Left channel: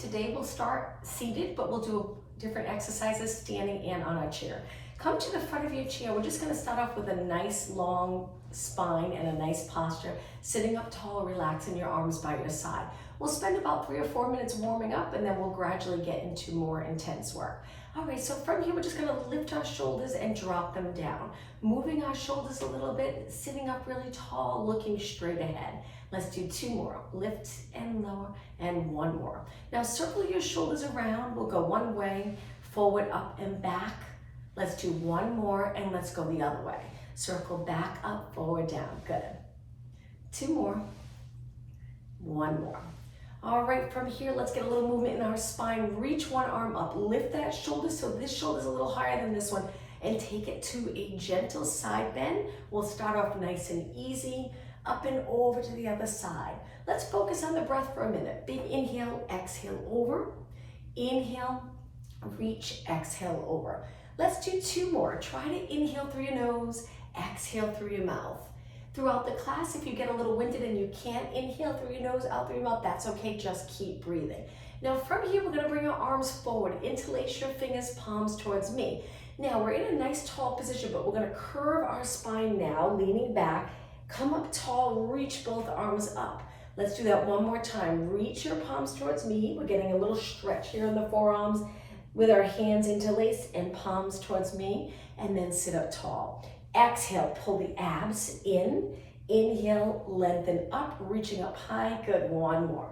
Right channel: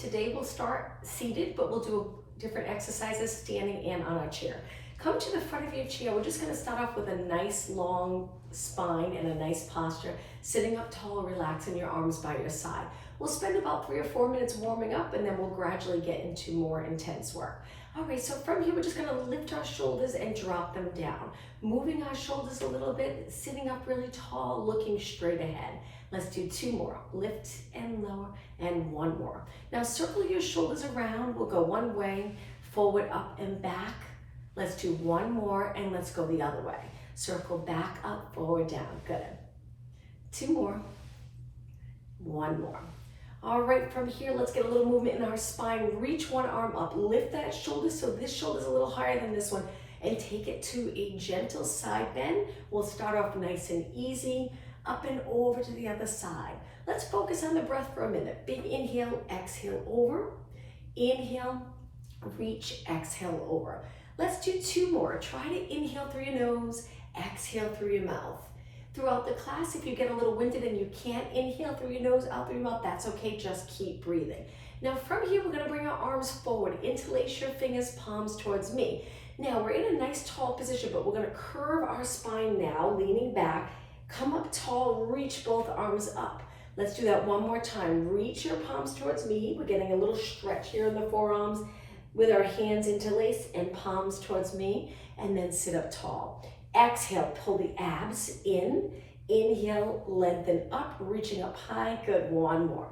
Today we'll start seated, but we'll do different exercises standing and on our chair. Come to the front of your chair. We're just gonna start off with a nice long spine and a nice posture, sitting up tall, relaxing your arms by your side. We'll spend about 3 or 4 minutes warming up, and then we'll gradually get into more intense work. All right, so from here, we're just gonna lift our shoulders and drop them down. Moving our shoulders a little bit, sitting up really tall, looking straight ahead. Let's do 2 more. Lift and lower, and 1 more. Now circle your shoulders around. We'll go one way, forward, up, and back. Let's do 1 more, and let's go the other way. Circle back, up, forward, down. Good. 2 more. 1 more. All right, from here, let's get a little movement in our spine. Reach one arm up, lift that shoulder so this shoulder's a little higher than this one, and take it to a gentle side bend. We'll start off nice and easy, up and over to the other side. Let's focus on the breath for a minute. Big inhale, exhale over. Inhale, reach, exhale over. Let's do 2 more. Try to inhale through your nose, exhale through your mouth. Throughout the class, if you get a little winded and you can't inhale through your nose, out through your mouth, that's okay, just keep breathing. Now from here, we're gonna bring our arms forward, interlace your fingers, palms towards me. Now we're in a nice tall position, but we're gonna curve our spine now, leaning back, come up tall, reach both arms up. Let's do that one more time. Reach your palms towards me. We're getting a little stretch here in the forearms with our hands interlaced and palms towards me, and then sit up tall. Exhale, pull the abs in. Inhale, lengthen up, reaching up high. Good, 1 more.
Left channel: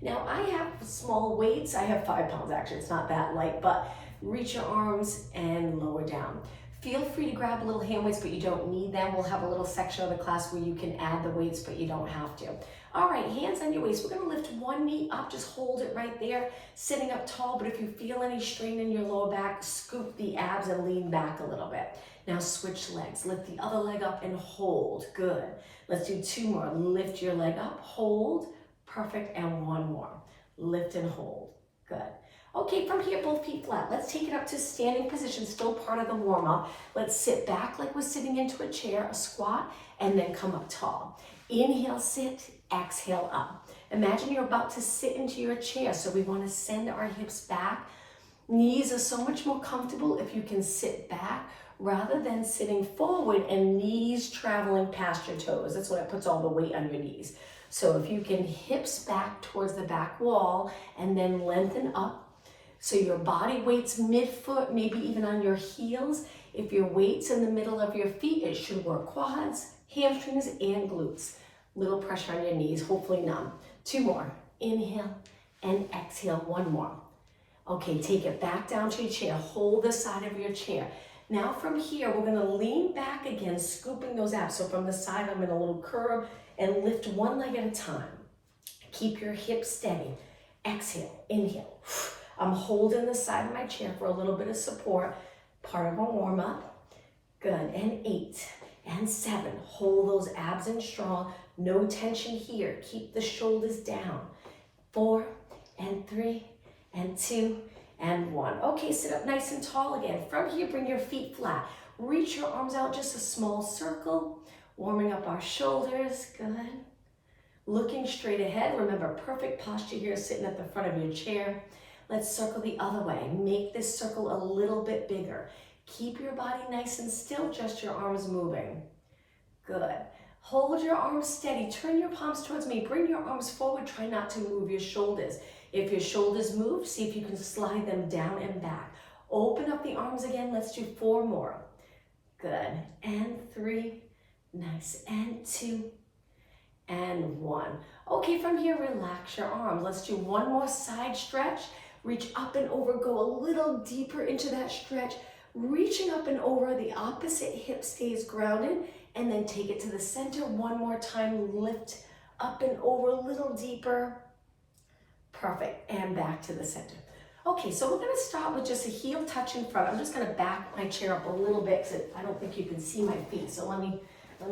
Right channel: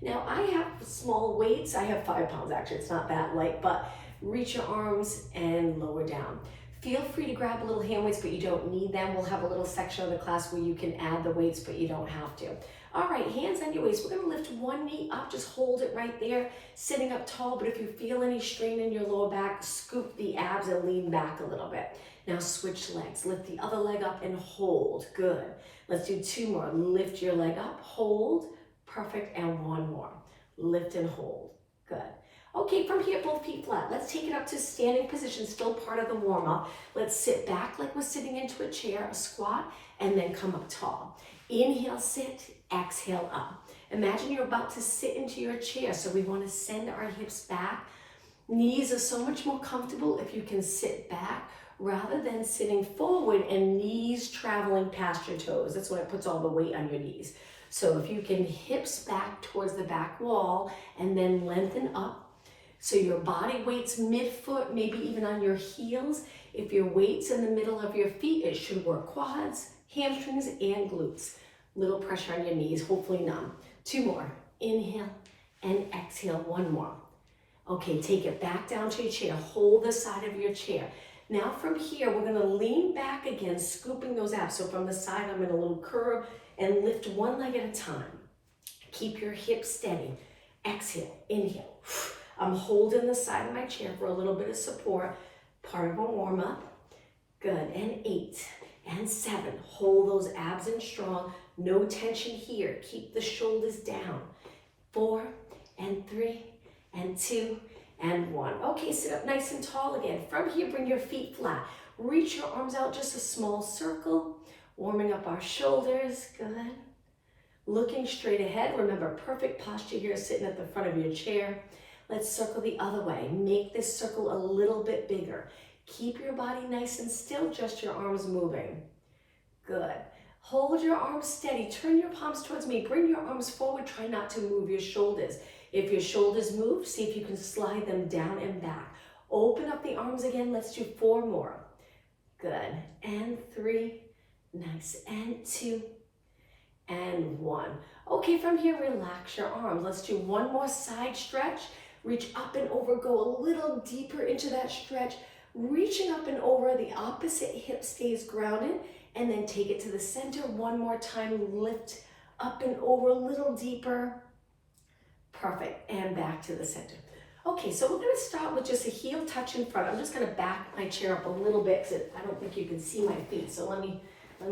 Now I have small weights. I have 5 pounds actually, it's not that light, but reach your arms and lower down. Feel free to grab a little hand weights, but you don't need them. We'll have a little section of the class where you can add the weights, but you don't have to. All right, hands on your waist. We're gonna lift one knee up, just hold it right there, sitting up tall, but if you feel any strain in your lower back, scoop the abs and lean back a little bit. Now switch legs. Lift the other leg up and hold. Good. Let's do 2 more. Lift your leg up, hold. Perfect, and 1 more. Lift and hold. Good. Okay, from here, both feet flat. Let's take it up to standing position, still part of the warm-up. Let's sit back like we're sitting into a chair, a squat, and then come up tall. Inhale, sit, exhale, up. Imagine you're about to sit into your chair, so we want to send our hips back. Knees are so much more comfortable if you can sit back rather than sitting forward and knees traveling past your toes. That's when it puts all the weight on your knees. So if you can hips back towards the back wall and then lengthen up, so your body weight's mid-foot, maybe even on your heels. If your weight's in the middle of your feet, it should work quads, hamstrings, and glutes. Little pressure on your knees, hopefully none. 2 more. Inhale and exhale, 1 more. Okay, take it back down to your chair. Hold the side of your chair. Now from here, we're gonna lean back again, scooping those abs. So from the side, I'm in a little curve and lift one leg at a time. Keep your hips steady. Exhale, inhale. I'm holding the side of my chair for a little bit of support, part of a warm up. Good, and 8 and 7. Hold those abs in strong, no tension here. Keep the shoulders down. 4 and 3 and 2 and 1. Okay, sit up nice and tall again. From here, bring your feet flat. Reach your arms out, just a small circle, warming up our shoulders, good. Looking straight ahead, remember perfect posture here, sitting at the front of your chair. Let's circle the other way. Make this circle a little bit bigger. Keep your body nice and still, just your arms moving. Good. Hold your arms steady. Turn your palms towards me. Bring your arms forward. Try not to move your shoulders. If your shoulders move, see if you can slide them down and back. Open up the arms again. Let's do 4 more. Good. And 3. Nice. And 2. And 1. Okay, from here, relax your arms. Let's do 1 more side stretch. Reach up and over, go a little deeper into that stretch. Reaching up and over, the opposite hip stays grounded, and then take it to the center. 1 more time, lift up and over, a little deeper. Perfect, and back to the center. Okay, so we're gonna start with just a heel touch in front. I'm just gonna back my chair up a little bit because I don't think you can see my feet, so let me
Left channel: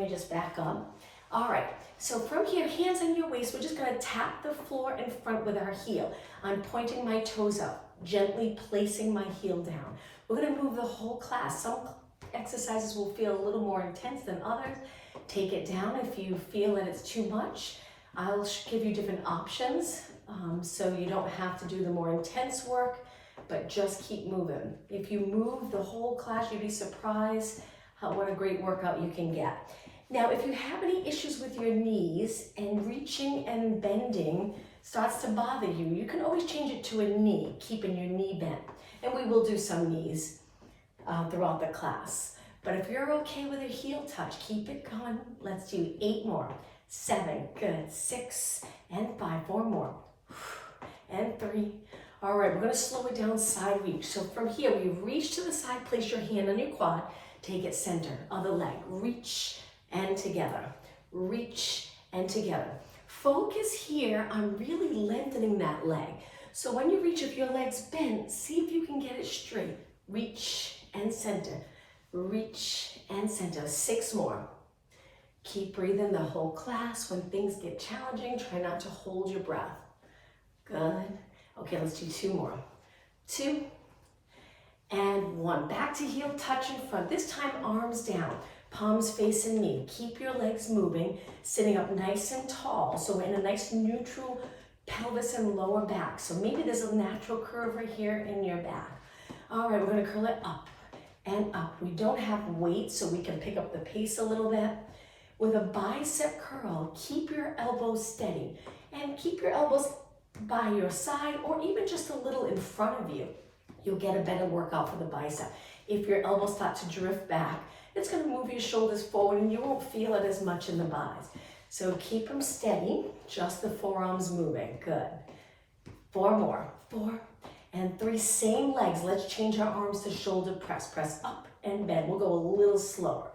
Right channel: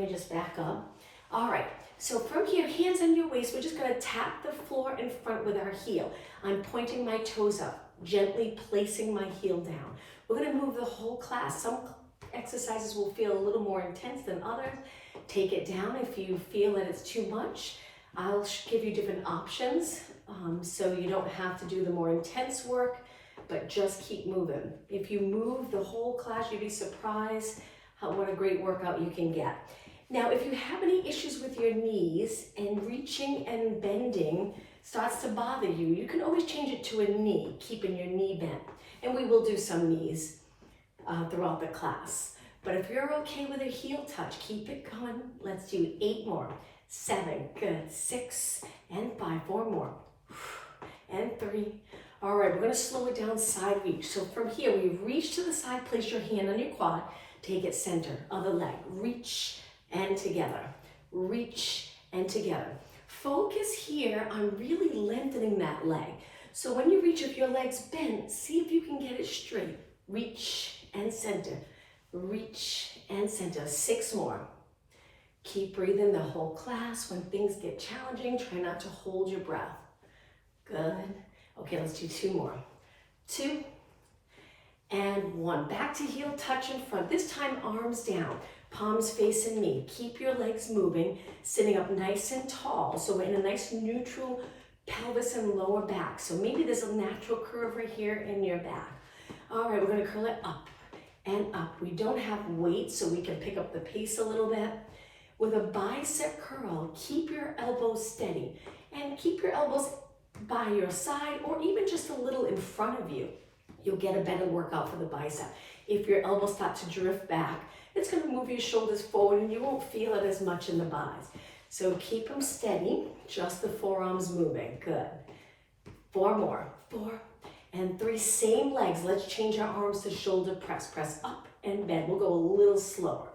just back up. All right, so from here, hands on your waist, we're just gonna tap the floor in front with our heel. I'm pointing my toes up, gently placing my heel down. We're gonna move the whole class. Some exercises will feel a little more intense than others. Take it down if you feel that it's too much. I'll give you different options. so you don't have to do the more intense work, but just keep moving. If you move the whole class, you'd be surprised what a great workout you can get. Now, if you have any issues with your knees and reaching and bending starts to bother you, you can always change it to a knee, keeping your knee bent. And we will do some knees throughout the class. But if you're okay with a heel touch, keep it going. Let's do 8 more. 7, good. 6 and 5, 4 more. And 3. All right, we're gonna slow it down, side reach. So from here, we reach to the side, place your hand on your quad, take it center, other leg, reach and together, reach and together. Focus here on really lengthening that leg. So when you reach, if your leg's bent, see if you can get it straight. Reach and center, reach and center. 6 more. Keep breathing the whole class. When things get challenging, try not to hold your breath. Good. Okay, let's do 2 more. 2 and 1. Back to heel touch in front. This time, arms down, palms facing me. Keep your legs moving, sitting up nice and tall. So we're in a nice neutral pelvis and lower back. So maybe there's a natural curve right here in your back. All right, we're gonna curl it up and up. We don't have weight, so we can pick up the pace a little bit. With a bicep curl, keep your elbows steady and keep your elbows by your side or even just a little in front of you. You'll get a better workout for the bicep. If your elbows start to drift back, it's gonna move your shoulders forward and you won't feel it as much in the buys. So keep them steady, just the forearms moving, good. 4 more, 4 and 3, same legs. Let's change our arms to shoulder press. Press up and bend. We'll go a little slower.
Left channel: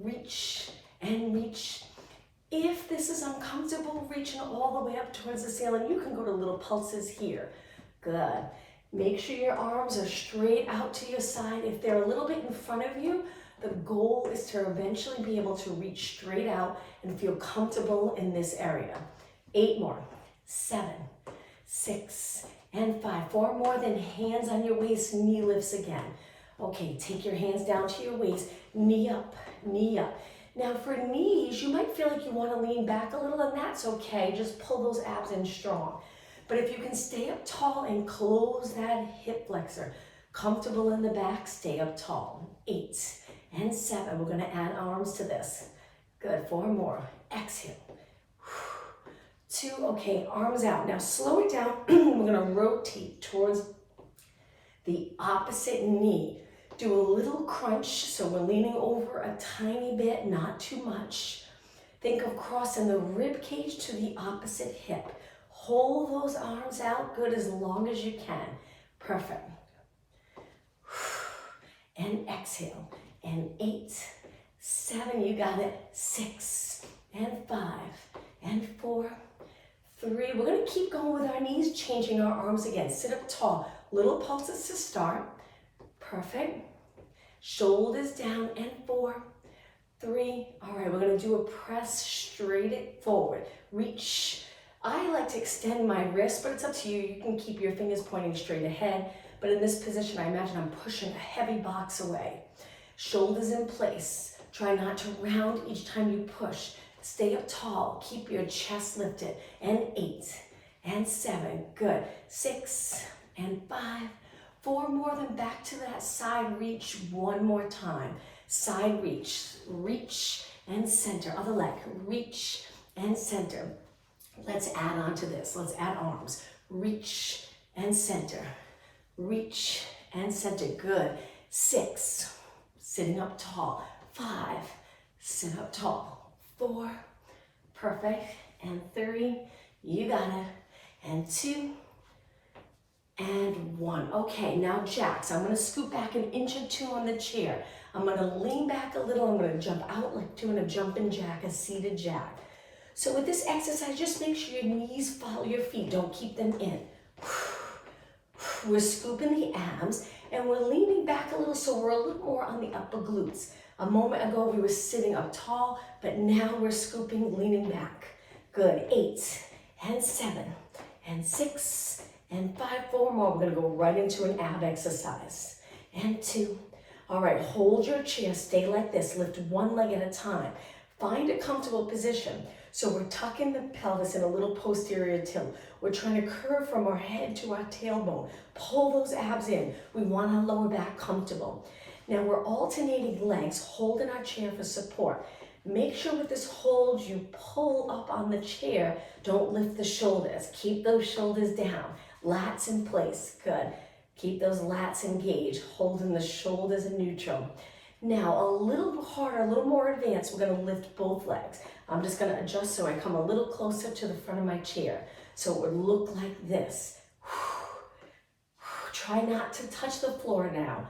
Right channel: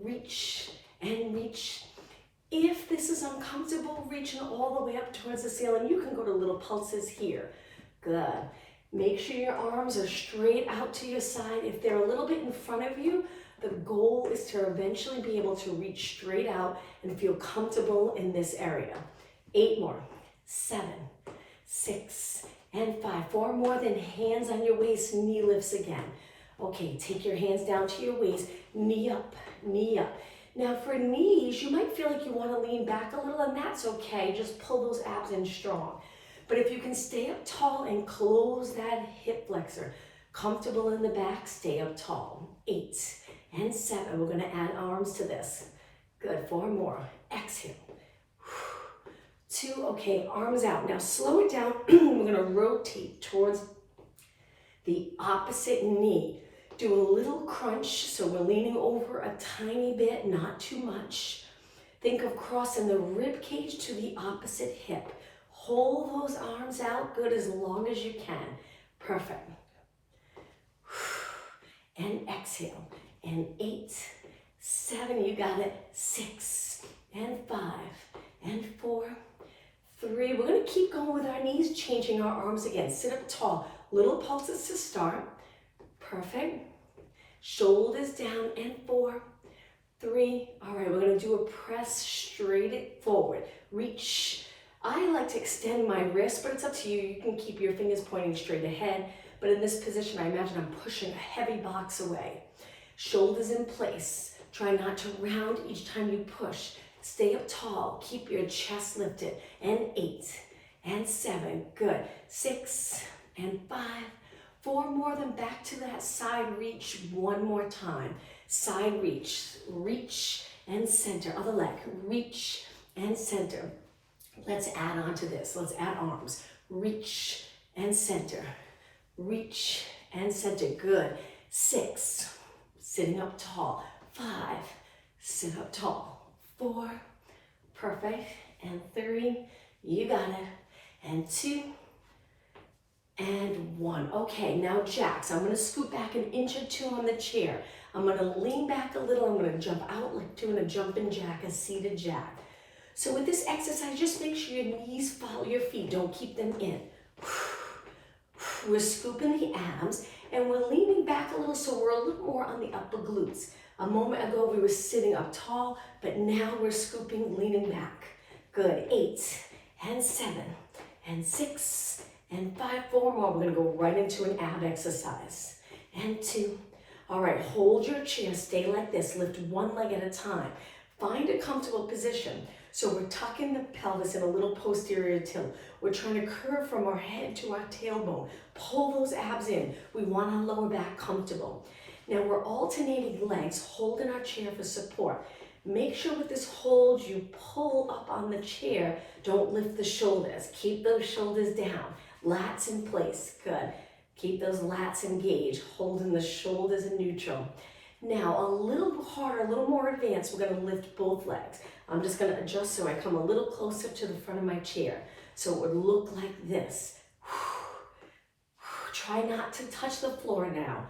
Reach and reach. If this is uncomfortable, reaching all the way up towards the ceiling, you can go to little pulses here. Good. Make sure your arms are straight out to your side. If they're a little bit in front of you, the goal is to eventually be able to reach straight out and feel comfortable in this area. 8 more, 7, 6, and 5. 4 more, then hands on your waist, knee lifts again. Okay, take your hands down to your waist, knee up, knee up. Now for knees, you might feel like you want to lean back a little, and that's okay. Just pull those abs in strong. But if you can stay up tall and close that hip flexor, comfortable in the back, stay up tall. 8 and 7, we're gonna add arms to this. Good, 4 more, exhale. 2, okay, arms out. Now slow it down, we're gonna rotate towards the opposite knee. Do a little crunch, so we're leaning over a tiny bit, not too much. Think of crossing the rib cage to the opposite hip. Hold those arms out, good, as long as you can. Perfect. And exhale. And 8, 7, you got it. 6, and 5, and 4, 3. We're gonna keep going with our knees, changing our arms again. Sit up tall, little pulses to start. Perfect. Shoulders down, and 4, 3. All right, we're gonna do a press straight forward. Reach. I like to extend my wrist, but it's up to you. You can keep your fingers pointing straight ahead, but in this position, I imagine I'm pushing a heavy box away. Shoulders in place. Try not to round each time you push. Stay up tall, keep your chest lifted. And 8, and 7, good. 6, and 5, 4 more, then back to that side reach 1 more time. Side reach, reach and center. Other leg, reach and center. Let's add on to this. Let's add arms. Reach and center. Reach and center. Good. 6, sitting up tall. 5, sit up tall. 4, perfect. And 3, you got it. And 2, and 1. Okay, now jacks. I'm gonna scoot back an inch or 2 on the chair. I'm gonna lean back a little. I'm gonna jump out like doing a jumping jack, a seated jack. So with this exercise, just make sure your knees follow your feet. Don't keep them in. We're scooping the abs and we're leaning back a little, so we're a little more on the upper glutes. A moment ago, we were sitting up tall, but now we're scooping, leaning back. Good. 8, and 7, and 6, and 5, 4 more. We're gonna go right into an ab exercise. And 2. All right, hold your chair, stay like this. Lift one leg at a time. Find a comfortable position. So we're tucking the pelvis in a little posterior tilt. We're trying to curve from our head to our tailbone. Pull those abs in. We want our lower back comfortable. Now we're alternating legs, holding our chair for support. Make sure with this hold, you pull up on the chair. Don't lift the shoulders. Keep those shoulders down. Lats in place, good. Keep those lats engaged, holding the shoulders in neutral. Now, a little harder, a little more advanced, we're gonna lift both legs. I'm just gonna adjust so I come a little closer to the front of my chair. So it would look like this. Try not to touch the floor now.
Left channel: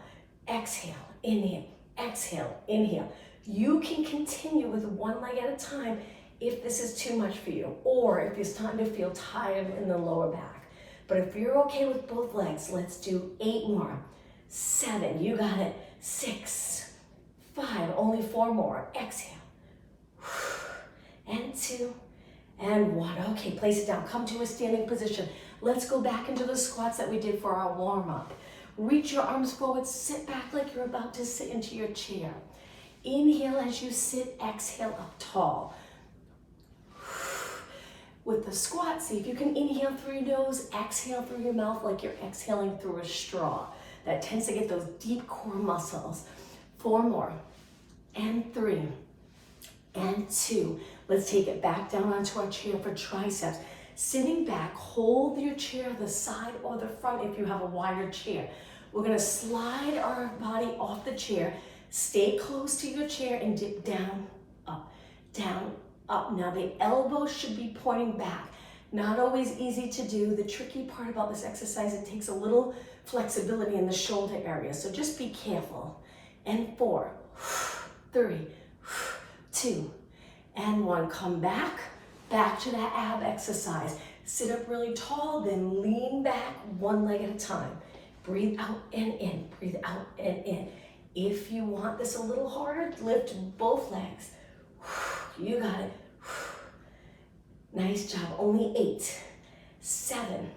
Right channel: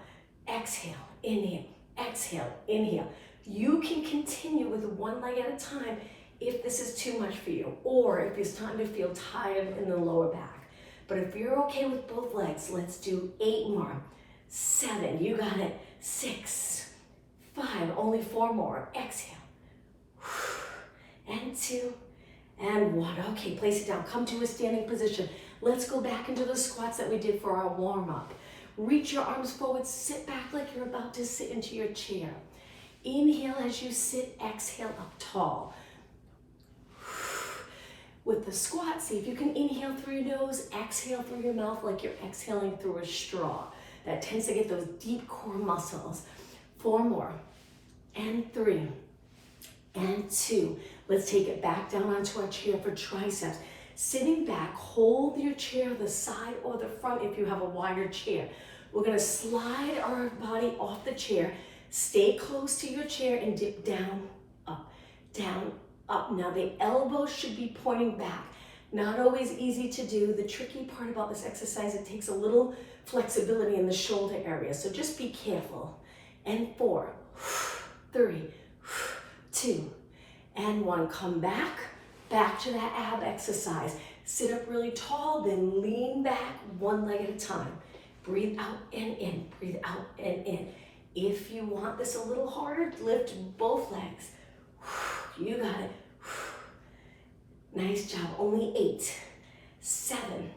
Exhale, inhale, exhale, inhale. You can continue with one leg at a time if this is too much for you, or if you're starting to feel tired in the lower back. But if you're okay with both legs, let's do 8 more. 7, you got it. 6, 5, only 4 more. Exhale. And 2, and 1. Okay, place it down. Come to a standing position. Let's go back into the squats that we did for our warm-up. Reach your arms forward. Sit back like you're about to sit into your chair. Inhale as you sit. Exhale up tall. With the squat, see if you can inhale through your nose, exhale through your mouth like you're exhaling through a straw. That tends to get those deep core muscles. 4 more, and 3, and 2. Let's take it back down onto our chair for triceps. Sitting back, hold your chair the side or the front if you have a wider chair. We're gonna slide our body off the chair, stay close to your chair and dip down, up, down, up. Now the elbows should be pointing back. Not always easy to do. The tricky part about this exercise, it takes a little flexibility in the shoulder area, so just be careful. And 4, 3, 2, and 1. Come back to that ab exercise. Sit up really tall, then lean back one leg at a time. Breathe out and in, breathe out and in. If you want this a little harder, lift both legs. You got it. Nice job. Only 8, 7,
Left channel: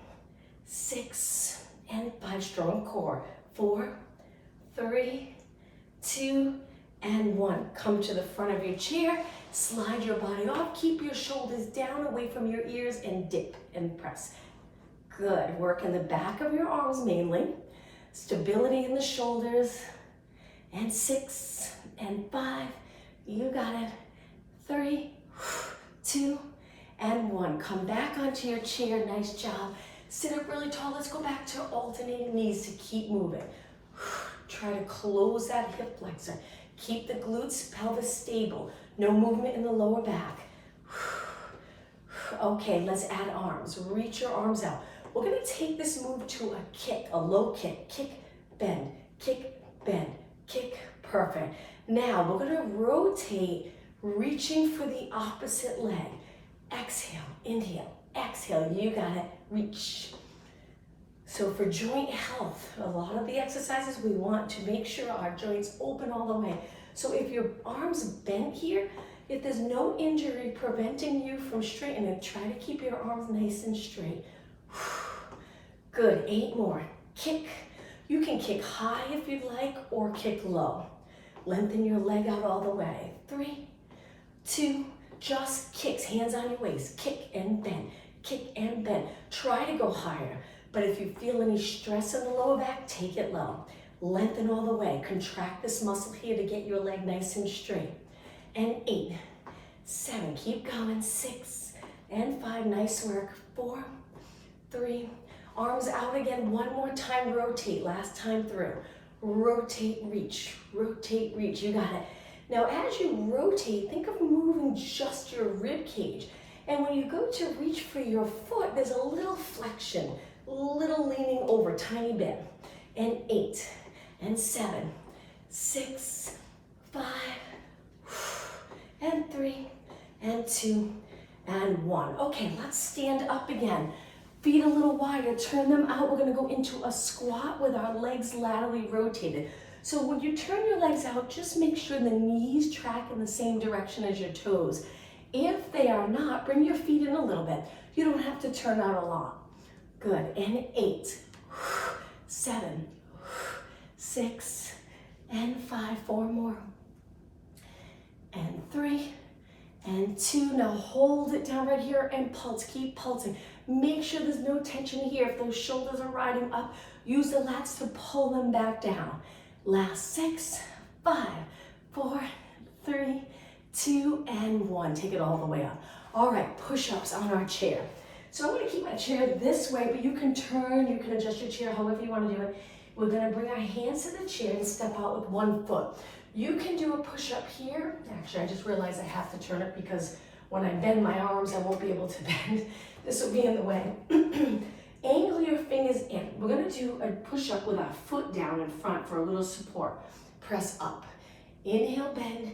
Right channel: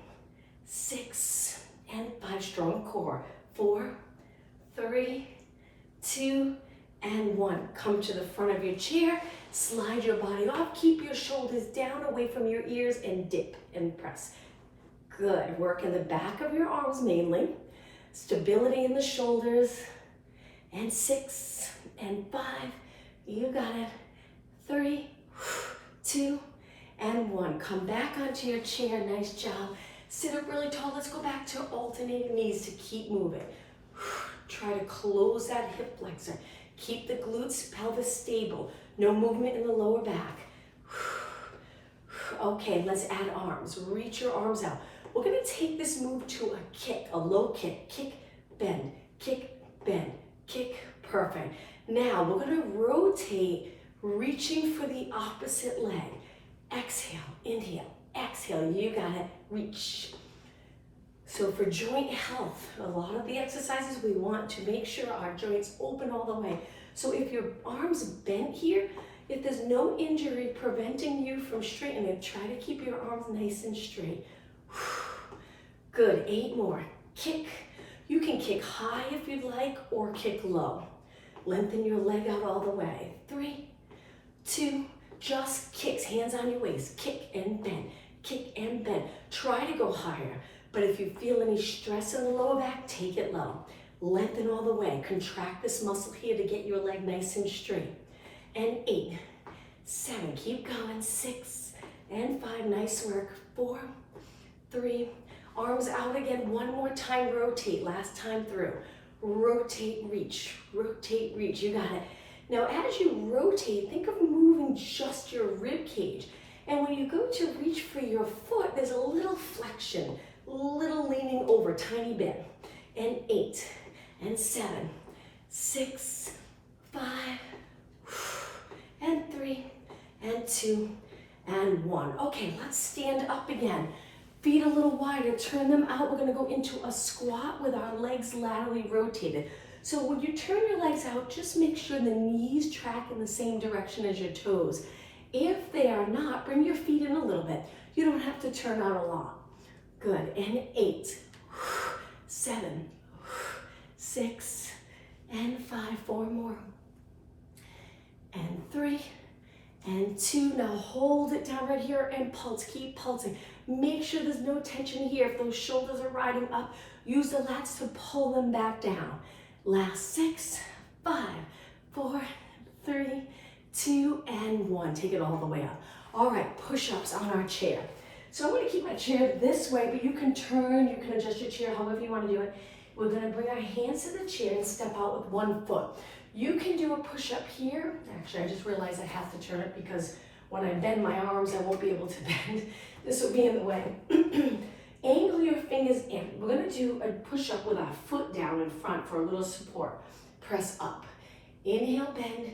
6, and 5. Strong core. 4, 3, 2, and 1. Come to the front of your chair. Slide your body off. Keep your shoulders down away from your ears and dip and press. Good. Work in the back of your arms mainly. Stability in the shoulders. And 6, and 5. You got it. 3, 2, and 1. Come back onto your chair. Nice job. Sit up really tall. Let's go back to alternating knees to keep moving. Try to close that hip flexor. Keep the glutes, pelvis stable. No movement in the lower back. Okay, let's add arms. Reach your arms out. We're gonna take this move to a kick, a low kick. Kick, bend, kick, bend, kick. Perfect. Now we're gonna rotate, reaching for the opposite leg. Exhale, inhale, exhale. You got it. Reach. So for joint health, a lot of the exercises we want to make sure our joints open all the way. So if your arms bent here, if there's no injury preventing you from straightening it, try to keep your arms nice and straight. Good, 8 more. Kick. You can kick high if you'd like, or kick low. Lengthen your leg out all the way. 3, 2, just kicks, hands on your waist. Kick and bend, kick and bend. Try to go higher, but if you feel any stress in the lower back, take it low. Lengthen all the way. Contract this muscle here to get your leg nice and straight. And 8, 7, keep going. 6, and 5, nice work. 4, 3, arms out again. One more time, rotate, last time through. Rotate, reach, you got it. Now as you rotate, think of moving just your rib cage. And when you go to reach for your foot, there's a little flexion, little leaning over, tiny bit. And 8, and 7, 6, 5, and 3, and 2, and 1. Okay, let's stand up again. Feet a little wider, turn them out. We're gonna go into a squat with our legs laterally rotated. So when you turn your legs out, just make sure the knees track in the same direction as your toes. If they are not, bring your feet in a little bit. You don't have to turn out a lot. Good, and 8, 7, 6, and 5, 4 more. And 3, and 2. Now hold it down right here and pulse. Keep pulsing. Make sure there's no tension here. If those shoulders are riding up, use the lats to pull them back down. Last 6, 5, 4, 3, 2, and 1. Take it all the way up. All right, push-ups on our chair. So I'm going to keep my chair this way, but you can turn, you can adjust your chair however you want to do it. We're going to bring our hands to the chair and step out with 1 foot. You can do a push-up here. Actually, I just realized I have to turn it because when I bend my arms, I won't be able to bend. This will be in the way. Angle your fingers in. We're going to do a push-up with our foot down in front for a little support. Press up. Inhale, bend.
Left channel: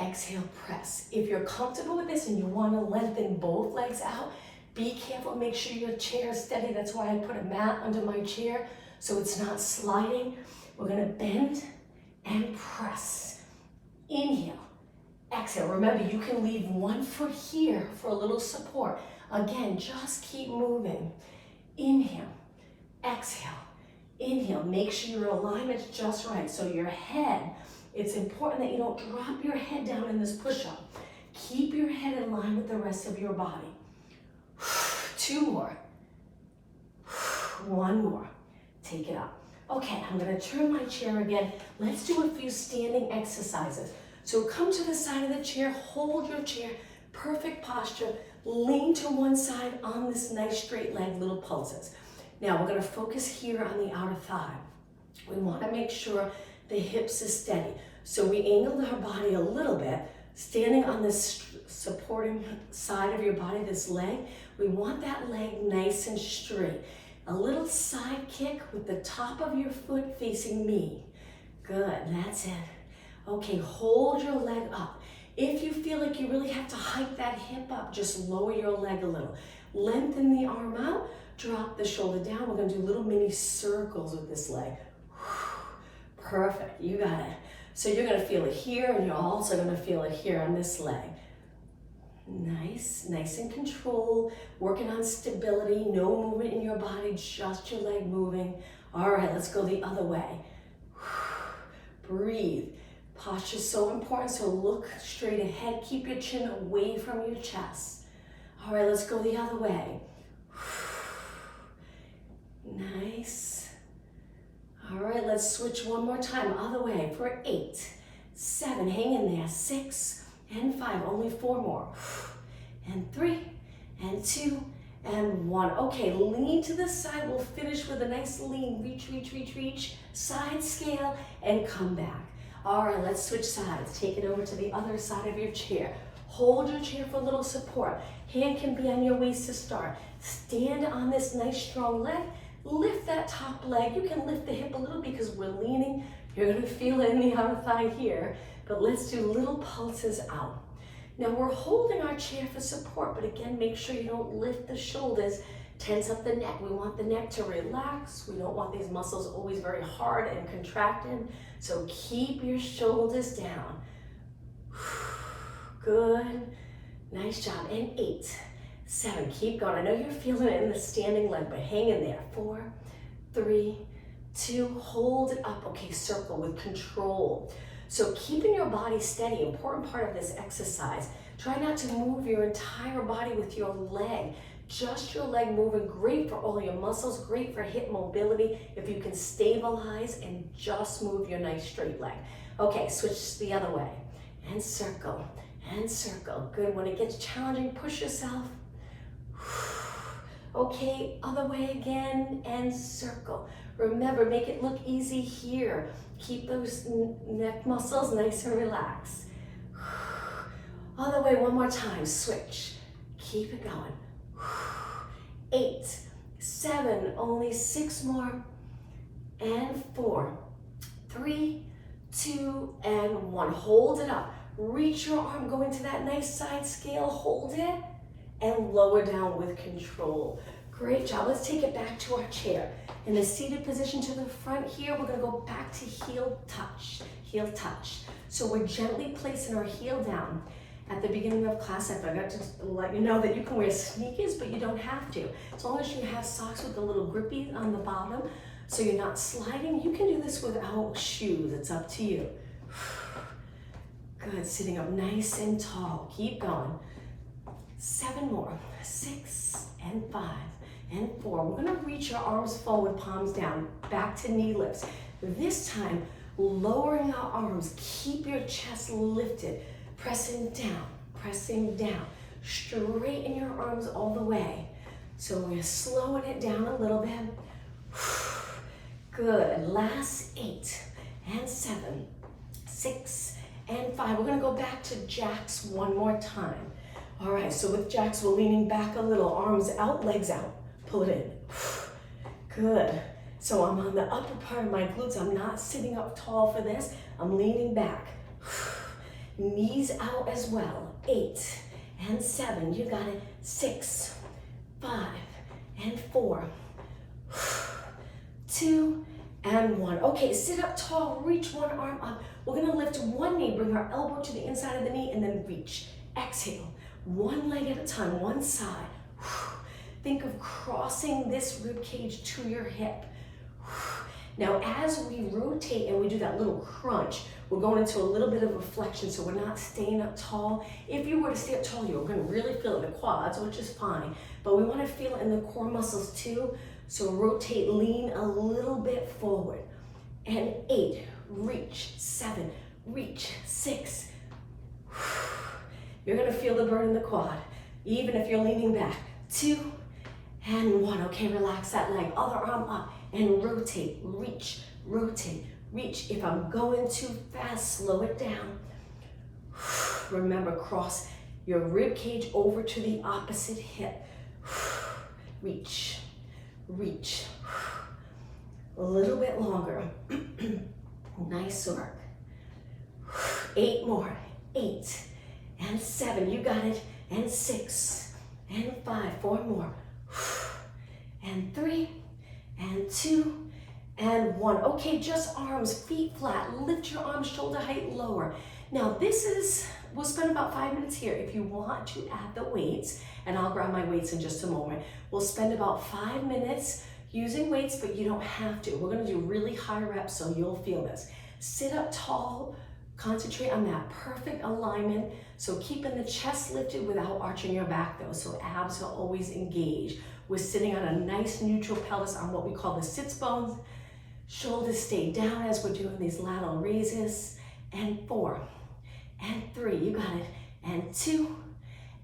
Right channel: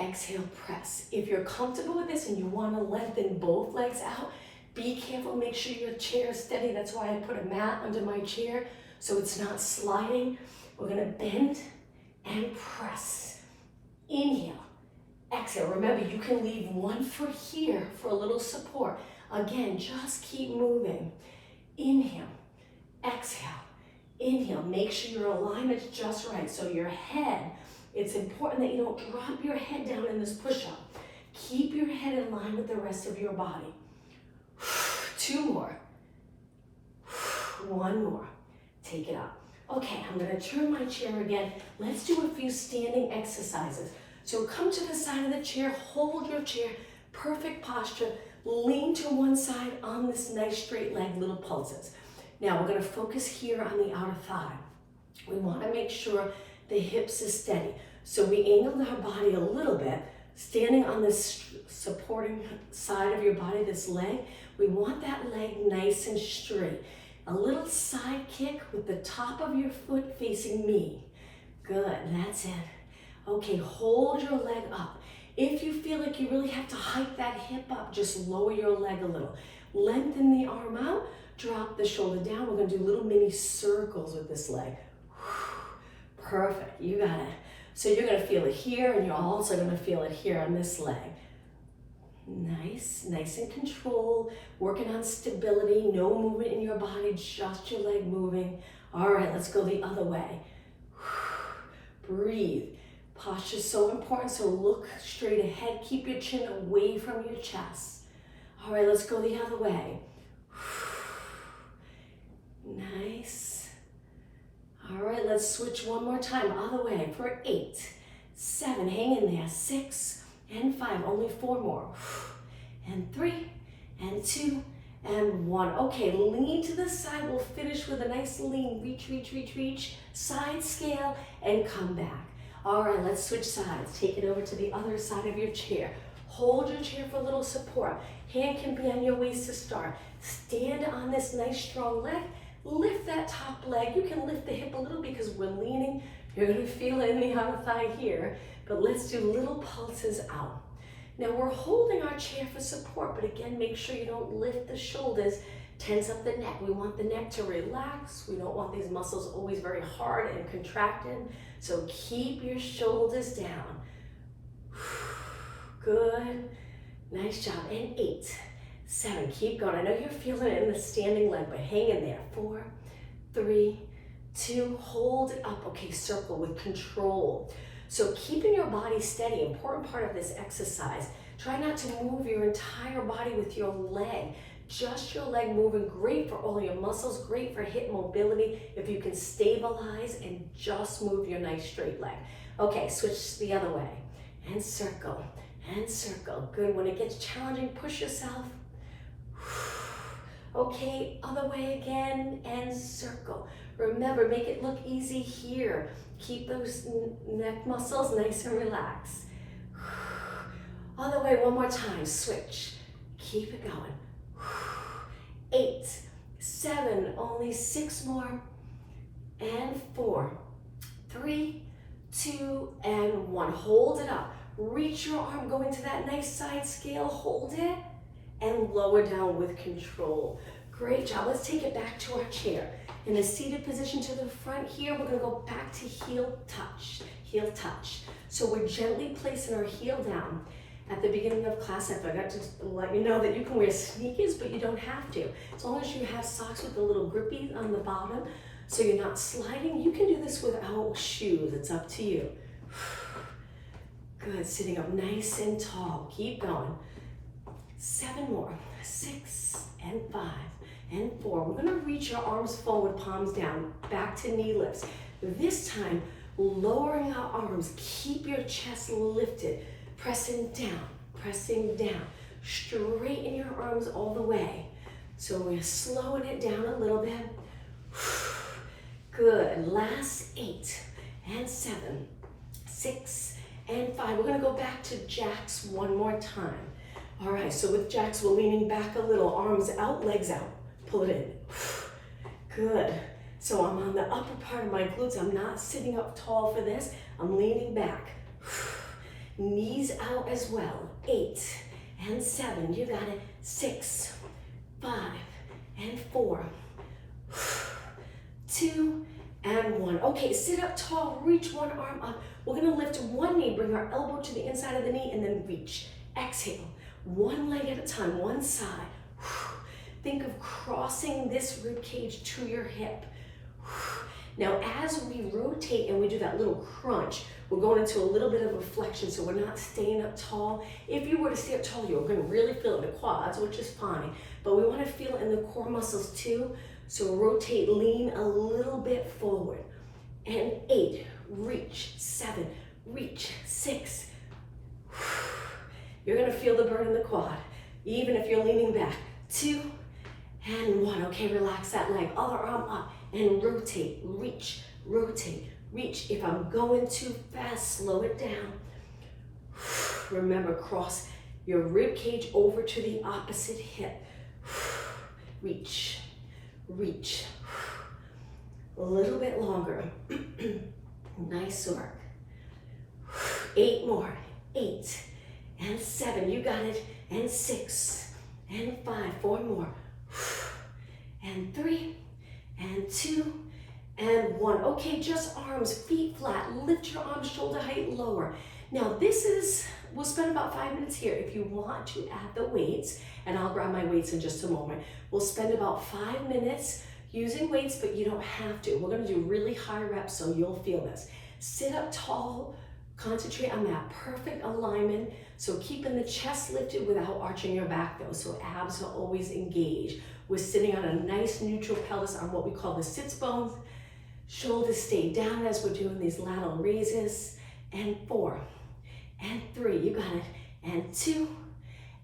Exhale, press. If you're comfortable with this and you want to lengthen both legs out, be careful. Make sure your chair is steady. That's why I put a mat under my chair so it's not sliding. We're going to bend and press. Inhale. Exhale. Remember, you can leave 1 foot here for a little support. Again, just keep moving. Inhale. Exhale. Inhale. Make sure your alignment's just right. So your head, it's important that you don't drop your head down in this push-up. Keep your head in line with the rest of your body. 2 more. 1 more. Take it up. Okay, I'm going to turn my chair again. Let's do a few standing exercises. So come to the side of the chair, hold your chair, perfect posture, lean to one side on this nice straight leg, little pulses. Now we're going to focus here on the outer thigh. We want to make sure the hips are steady. So we angled our body a little bit, standing on this supporting side of your body, this leg. We want that leg nice and straight. A little side kick with the top of your foot facing me. Good, that's it. Okay, hold your leg up. If you feel like you really have to hike that hip up, just lower your leg a little. Lengthen the arm out, drop the shoulder down. We're gonna do little mini circles with this leg. Perfect, you got it. So you're gonna feel it here, and you're also gonna feel it here on this leg. Nice, nice and control, working on stability, no movement in your body, just your leg moving. All right, let's go the other way. Breathe. Posture is so important, so look straight ahead. Keep your chin away from your chest. All right, let's go the other way. Nice. All right, let's switch one more time, other way for 8, 7, hang in there, 6, and 5, only 4 more, and 3, and 2, and 1. Okay, lean to the side. We'll finish with a nice lean. Reach, reach, reach, reach. Side scale and come back. All right, let's switch sides. Take it over to the other side of your chair. Hold your chair for a little support. Hand can be on your waist to start. Stand on this nice strong leg. Lift that top leg. You can lift the hip a little because we're leaning. You're gonna feel it in the outer thigh here. But let's do little pulses out. Now we're holding our chair for support, but again, make sure you don't lift the shoulders, tense up the neck. We want the neck to relax. We don't want these muscles always very hard and contracted. So keep your shoulders down. Good, nice job. And 8, 7, keep going. I know you're feeling it in the standing leg, but hang in there. 4, 3, 2, hold it up. Okay, circle with control. So keeping your body steady, important part of this exercise. Try not to move your entire body with your leg. Just your leg moving, great for all your muscles, great for hip mobility. If you can stabilize and just move your nice straight leg. Okay, switch the other way. And circle, and circle. Good, when it gets challenging, push yourself. Okay, other way again, and circle. Remember, make it look easy here. Keep those neck muscles nice and relaxed. Other way, one more time, switch. Keep it going. 8, 7, only 6 more, and 4, 3, 2, and 1. Hold it up. Reach your arm, go into that nice side scale, hold it, and lower down with control. Great job. Let's take it back to our chair. In a seated position to the front here, we're gonna go back to heel touch, heel touch. So we're gently placing our heel down. At the beginning of class, I forgot to let you know that you can wear sneakers, but you don't have to. As long as you have socks with the little grippies on the bottom, so you're not sliding, you can do this without shoes. It's up to you. Good, sitting up nice and tall. Keep going. 7 more. 6 and 5 and 4. We're gonna reach your arms forward, palms down, back to knee lifts. This time, lowering our arms. Keep your chest lifted. Pressing down, pressing down. Straighten your arms all the way. So we're slowing it down a little bit. Good, last 8 and 7, 6 and 5. We're gonna go back to jacks one more time. All right, so with jacks, we're leaning back a little, arms out, legs out. Pull it in. Good. So I'm on the upper part of my glutes. I'm not sitting up tall for this. I'm leaning back. Knees out as well. 8 and 7. You got it. 6, 5 and 4. 2 and 1. Okay, sit up tall. Reach one arm up. We're going to lift one knee. Bring our elbow to the inside of the knee and then reach. Exhale. One leg at a time. One side. Think of crossing this rib cage to your hip. Now, as we rotate and we do that little crunch, we're going into a little bit of a flexion, so we're not staying up tall. If you were to stay up tall, you're going to really feel it in the quads, which is fine, but we want to feel it in the core muscles too. So rotate, lean a little bit forward. And 8, reach. 7, reach. 6. You're going to feel the burn in the quad, even if you're leaning back. 2 and 1. Okay, relax that leg. Other arm up and rotate, reach, rotate, reach. If I'm going too fast, slow it down. Remember, cross your rib cage over to the opposite hip. Reach, reach. A little bit longer. Nice work. 8 more. 8 and 7. You got it. And 6 and 5. 4 more. And 3 and 2 and 1. Okay, just arms, feet flat. Lift your arms shoulder height lower. Now we'll spend about 5 minutes here. If you want to add the weights, and I'll grab my weights in just a moment, we'll spend about 5 minutes using weights, but you don't have to. We're gonna do really high reps, so you'll feel this. Sit up tall, concentrate on that perfect alignment. So keeping the chest lifted without arching your back though, so abs are always engaged. We're sitting on a nice neutral pelvis on what we call the sits bones. Shoulders stay down as we're doing these lateral raises. And 4 and 3, you got it. And 2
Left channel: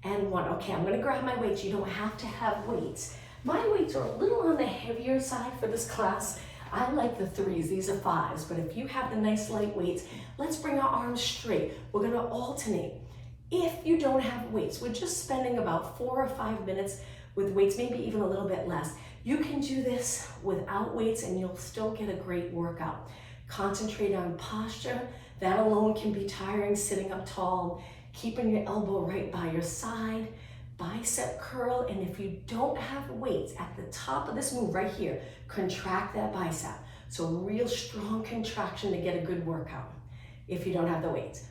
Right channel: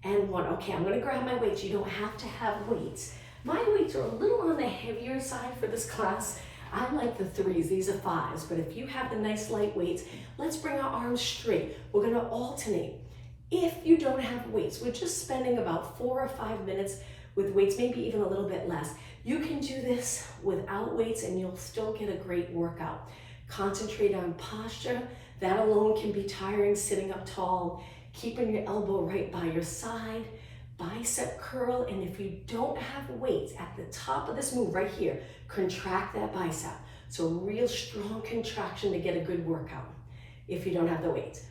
and 1. Okay, I'm gonna grab my weights. You don't have to have weights. My weights are a little on the heavier side for this class. I like the 3s, these are 5s, but if you have the nice light weights, let's bring our arms straight. We're gonna alternate. If you don't have weights, we're just spending about 4 or 5 minutes with weights, maybe even a little bit less. You can do this without weights and you'll still get a great workout. Concentrate on posture. That alone can be tiring, sitting up tall, keeping your elbow right by your side, bicep curl, and if you don't have weights, at the top of this move right here, contract that bicep. So real strong contraction to get a good workout if you don't have the weights.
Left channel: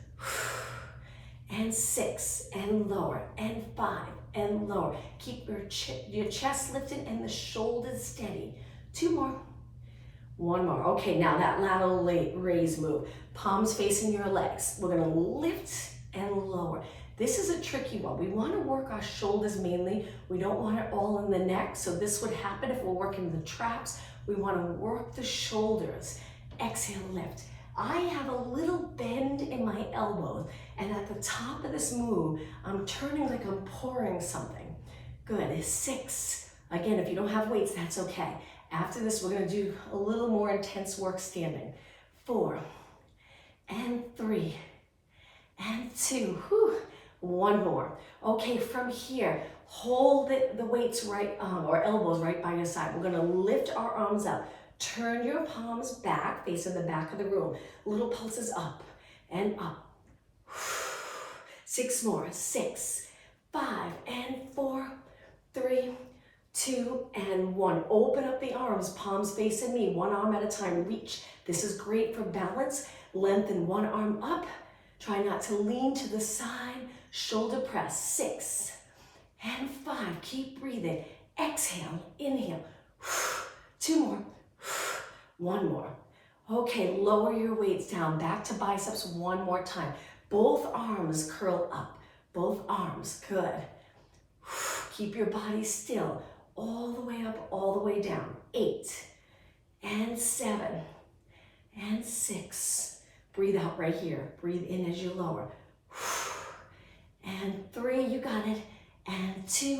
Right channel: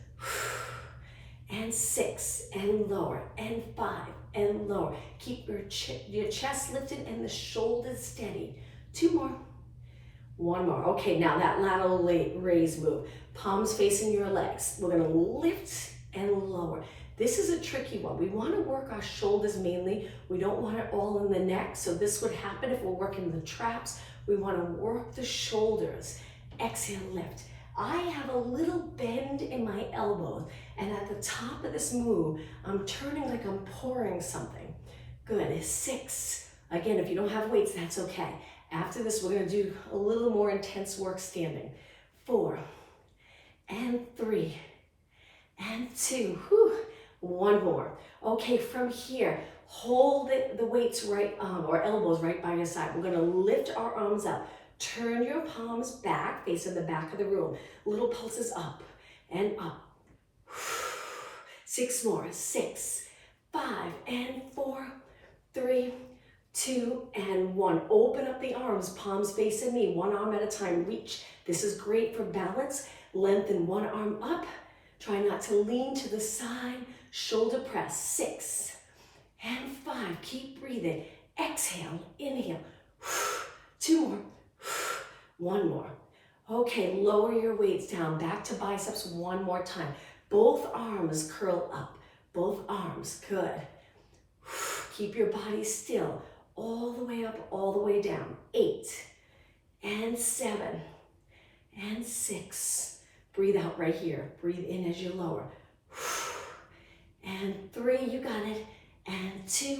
And 6 and lower, and 5 and lower. Keep your chest lifted and the shoulders steady. 2 more. 1 more. Okay, now that lateral raise move. Palms facing your legs. We're gonna lift and lower. This is a tricky one. We wanna work our shoulders mainly. We don't want it all in the neck, so this would happen if we're working the traps. We wanna work the shoulders. Exhale, lift. I have a little bend in my elbows, and at the top of this move, I'm turning like I'm pouring something. Good, 6. Again, if you don't have weights, that's okay. After this, we're gonna do a little more intense work standing. 4 and 3 and 2. Whew. 1 more. Okay, from here, hold the weights right, or elbows right by your side. We're gonna lift our arms up. Turn your palms back, facing the back of the room. Little pulses up and up. 6 more. 6, 5 and 4, 3, 2 and 1. Open up the arms, palms facing me, 1 arm at a time. Reach. This is great for balance. Lengthen 1 arm up. Try not to lean to the side. Shoulder press. 6 and 5. Keep breathing. Exhale, inhale. 2 more. 1 more. Okay, lower your weights down. Back to biceps 1 more time. Both arms curl up. Both arms, good. Keep your body still. All the way up, all the way down. 8 and 7 and 6. Breathe out right here. Breathe in as you lower. And 3, you got it. And 2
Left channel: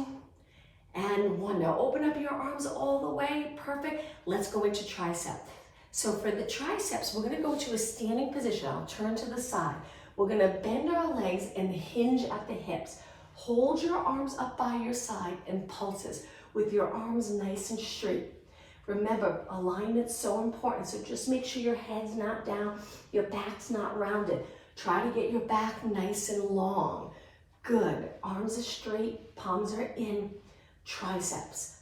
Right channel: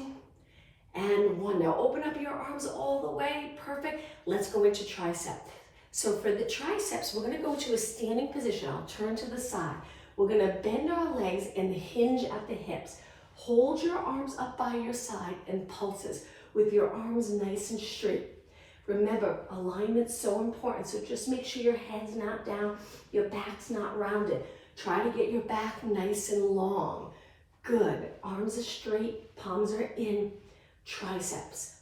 and 1. Now open up your arms all the way. Perfect. Let's go into tricep. So for the triceps, we're going to go to a standing position. I'll turn to the side. We're going to bend our legs and hinge at the hips. Hold your arms up by your side and pulses with your arms nice and straight. Remember, alignment's so important, so just make sure your head's not down, your back's not rounded. Try to get your back nice and long. Good. Arms are straight, palms are in. Triceps.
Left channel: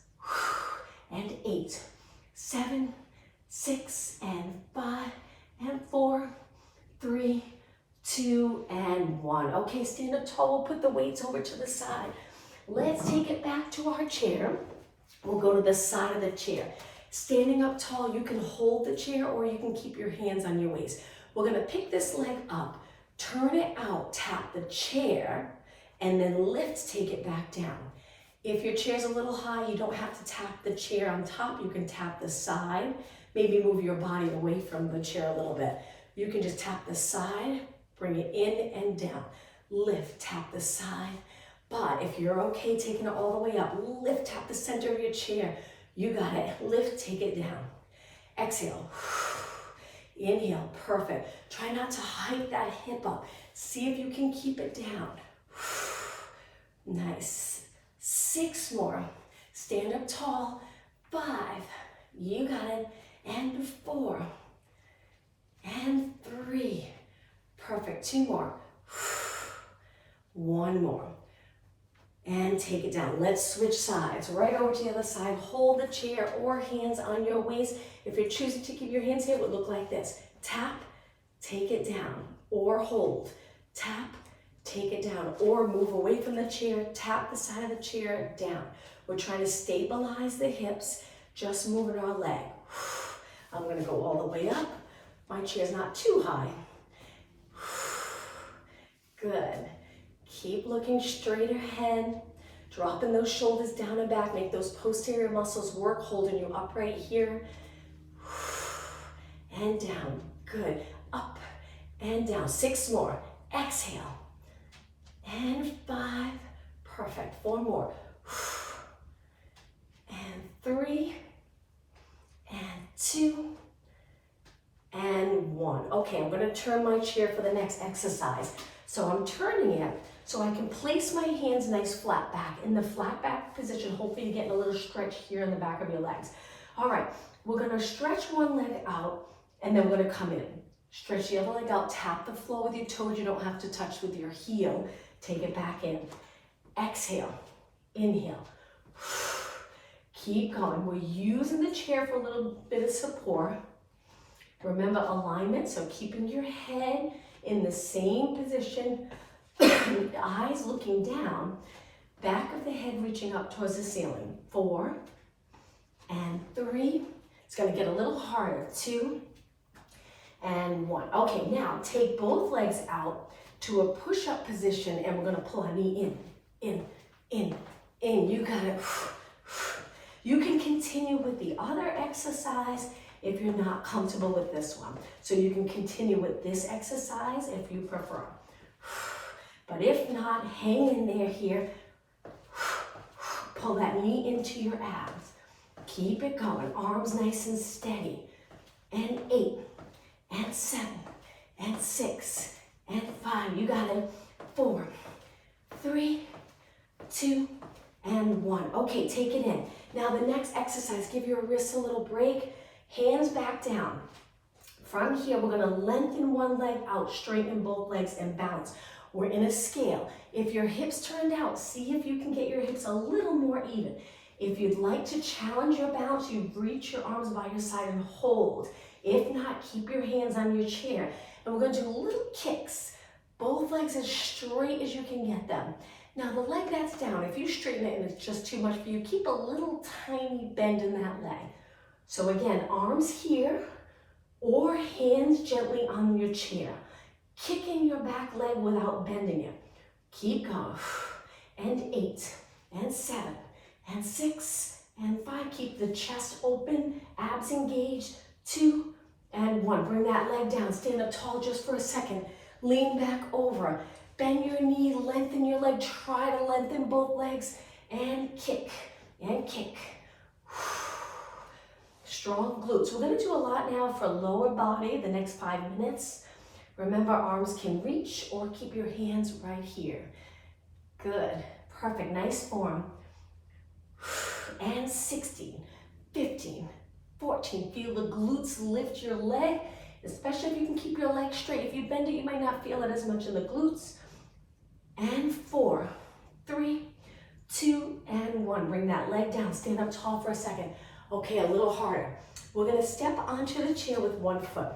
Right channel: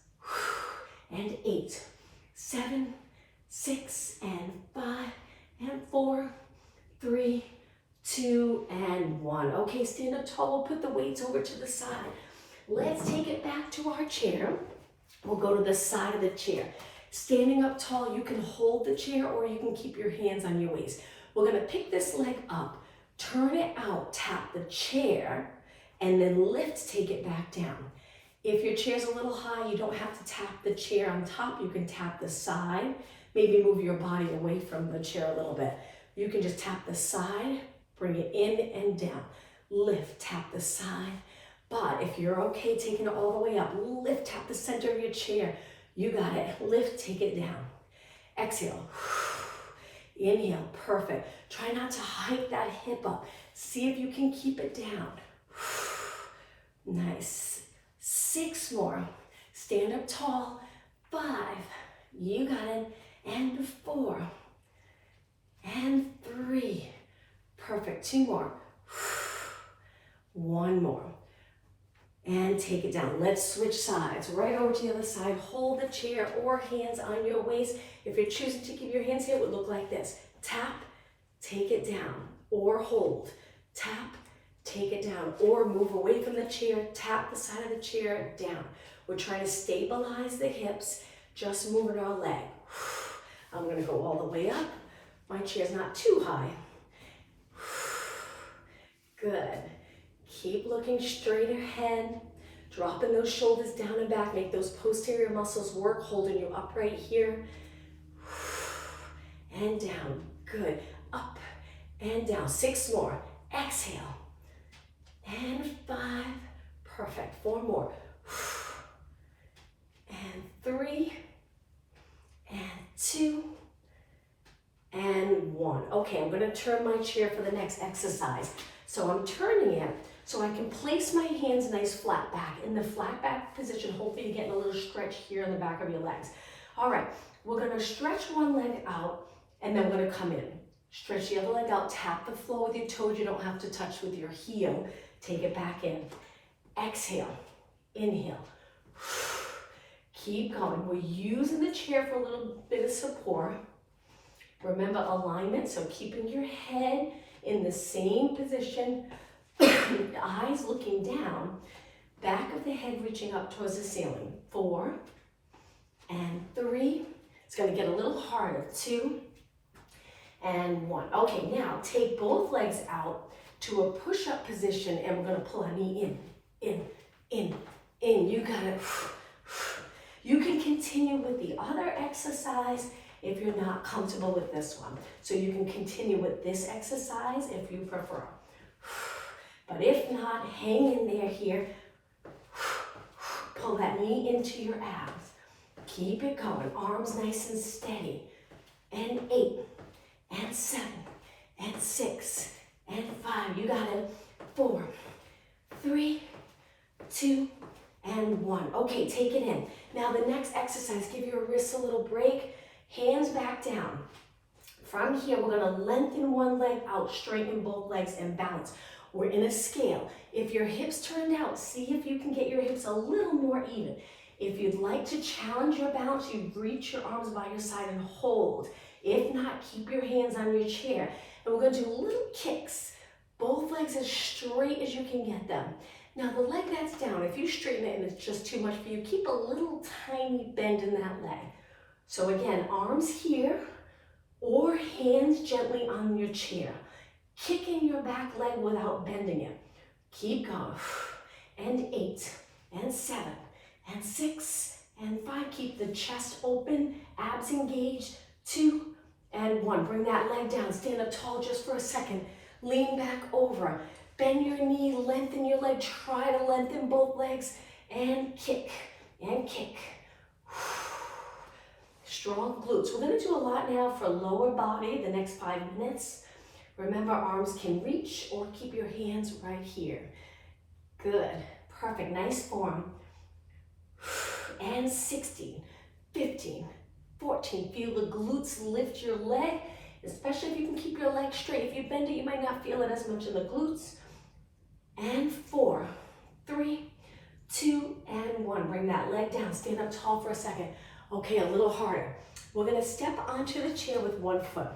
And 8, 7, 6, and 5, and 4, 3, 2, and 1. Okay, stand up tall. We'll put the weights over to the side. Let's take it back to our chair. We'll go to the side of the chair. Standing up tall, you can hold the chair or you can keep your hands on your waist. We're gonna pick this leg up, turn it out, tap the chair, and then lift, take it back down. If your chair's a little high, you don't have to tap the chair on top. You can tap the side, maybe move your body away from the chair a little bit. You can just tap the side, bring it in and down. Lift, tap the side. But if you're okay taking it all the way up, lift, tap the center of your chair. You got it. Lift, take it down. Exhale. Inhale, perfect. Try not to hike that hip up. See if you can keep it down. Nice. 6 more. Stand up tall. 5. You got it. And 4. And 3. Perfect. 2 more. 1 more. And take it down. Let's switch sides. Right over to the other side. Hold the chair or hands on your waist. If you're choosing to keep your hands here, it would look like this. Tap, take it down, or hold. Tap, take it down, or move away from the chair. Tap the side of the chair down. We're trying to stabilize the hips, just moving our leg. I'm going to go all the way up. My chair's not too high. Good. Keep looking straight ahead, dropping those shoulders down and back. Make those posterior muscles work, holding you upright here. And down. Good. Up and down. 6 more. Exhale. And 5. Perfect. 4 more. And 3. And 2. And 1. Okay, I'm going to turn my chair for the next exercise. So I'm turning it so I can place my hands nice flat back. In the flat back position, hopefully you're getting a little stretch here in the back of your legs. All right, we're gonna stretch one leg out and then we're gonna come in. Stretch the other leg out, tap the floor with your toes. You don't have to touch with your heel. Take it back in. Exhale, inhale. Keep going. We're using the chair for a little bit of support. Remember alignment, so keeping your head in the same position, eyes looking down, back of the head reaching up towards the ceiling. 4 and 3. It's going to get a little harder. 2 and 1. Okay, now take both legs out to a push-up position and we're going to pull our knee in. You got it. You can continue with the other exercise if you're not comfortable with this one. So you can continue with this exercise if you prefer. But if not, hang in there here. Pull that knee into your abs. Keep it going. Arms nice and steady. And 8, and 7, and 6, and 5. You got it. 4, 3, 2, and 1. Okay, take it in. Now the next exercise, give your wrists a little break. Hands back down. From here, we're gonna lengthen one leg out, straighten both legs, and balance. We're in a scale. If your hips turned out, see if you can get your hips a little more even. If you'd like to challenge your balance, you reach your arms by your side and hold. If not, keep your hands on your chair. And we're gonna do little kicks. Both legs as straight as you can get them. Now the leg that's down, if you straighten it and it's just too much for you, keep a little tiny bend in that leg. So again, arms here or hands gently on your chair. kicking your back leg without bending it. Keep going. And 8, and 7, and 6, and 5. Keep the chest open, abs engaged. 2, and 1. Bring that leg down. Stand up tall just for a second. Lean back over. Bend your knee, lengthen your leg. Try to lengthen both legs. And kick, and kick. Strong glutes. We're going to do a lot now for lower body the next 5 minutes. Remember, arms can reach or keep your hands right here. Good. Perfect. Nice form. And 16, 15, 14. Feel the glutes lift your leg, especially if you can keep your leg straight. If you bend it, you might not feel it as much in the glutes. And 4, 3, 2, and 1. Bring that leg down. Stand up tall for a second. Okay, a little harder. We're going to step onto the chair with one foot.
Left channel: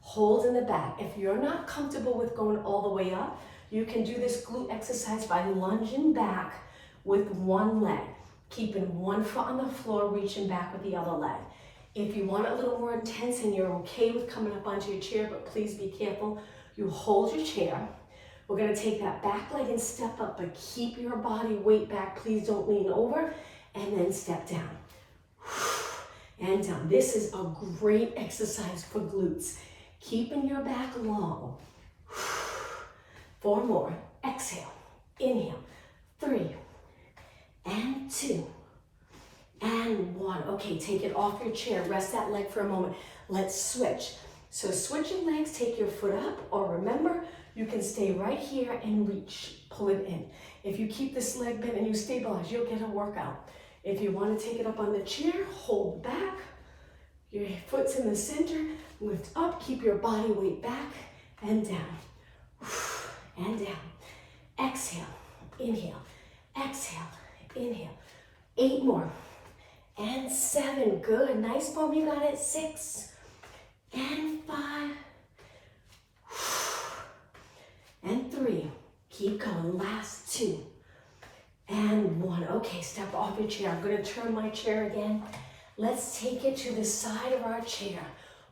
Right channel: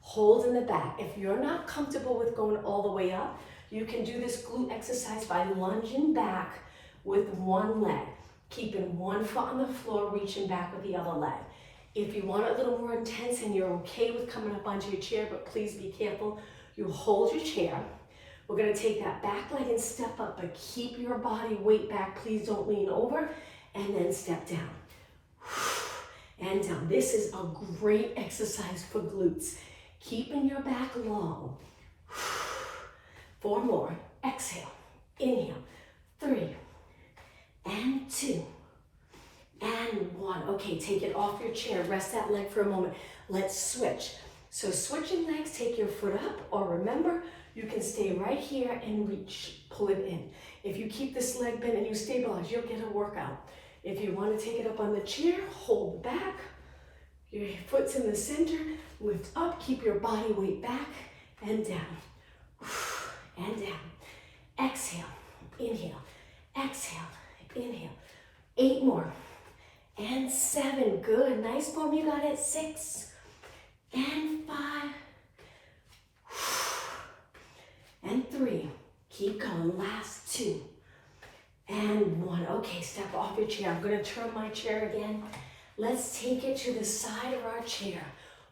Hold in the back. If you're not comfortable with going all the way up, you can do this glute exercise by lunging back with one leg. Keeping one foot on the floor, reaching back with the other leg. If you want it a little more intense and you're okay with coming up onto your chair, but please be careful, you hold your chair. We're going to take that back leg and step up, but keep your body weight back. Please don't lean over, and then step down. And down. This is a great exercise for glutes. Keeping your back long. 4 more. Exhale. Inhale. 3. And 2. And 1. Okay, take it off your chair. Rest that leg for a moment. Let's switch. So switching legs, take your foot up, or remember, you can stay right here and reach. Pull it in. If you keep this leg bent and you stabilize, you'll get a workout. If you want to take it up on the chair, hold back. Your foot's in the center. Lift up. Keep your body weight back and down. And down. Exhale. Inhale. Exhale. Inhale. 8 more. And 7. Good. Nice form. You got it. 6. And 5. And 3. Keep going. Last 2. And 1. Okay, step off your chair. I'm going to turn my chair again. Let's take it to the side of our chair.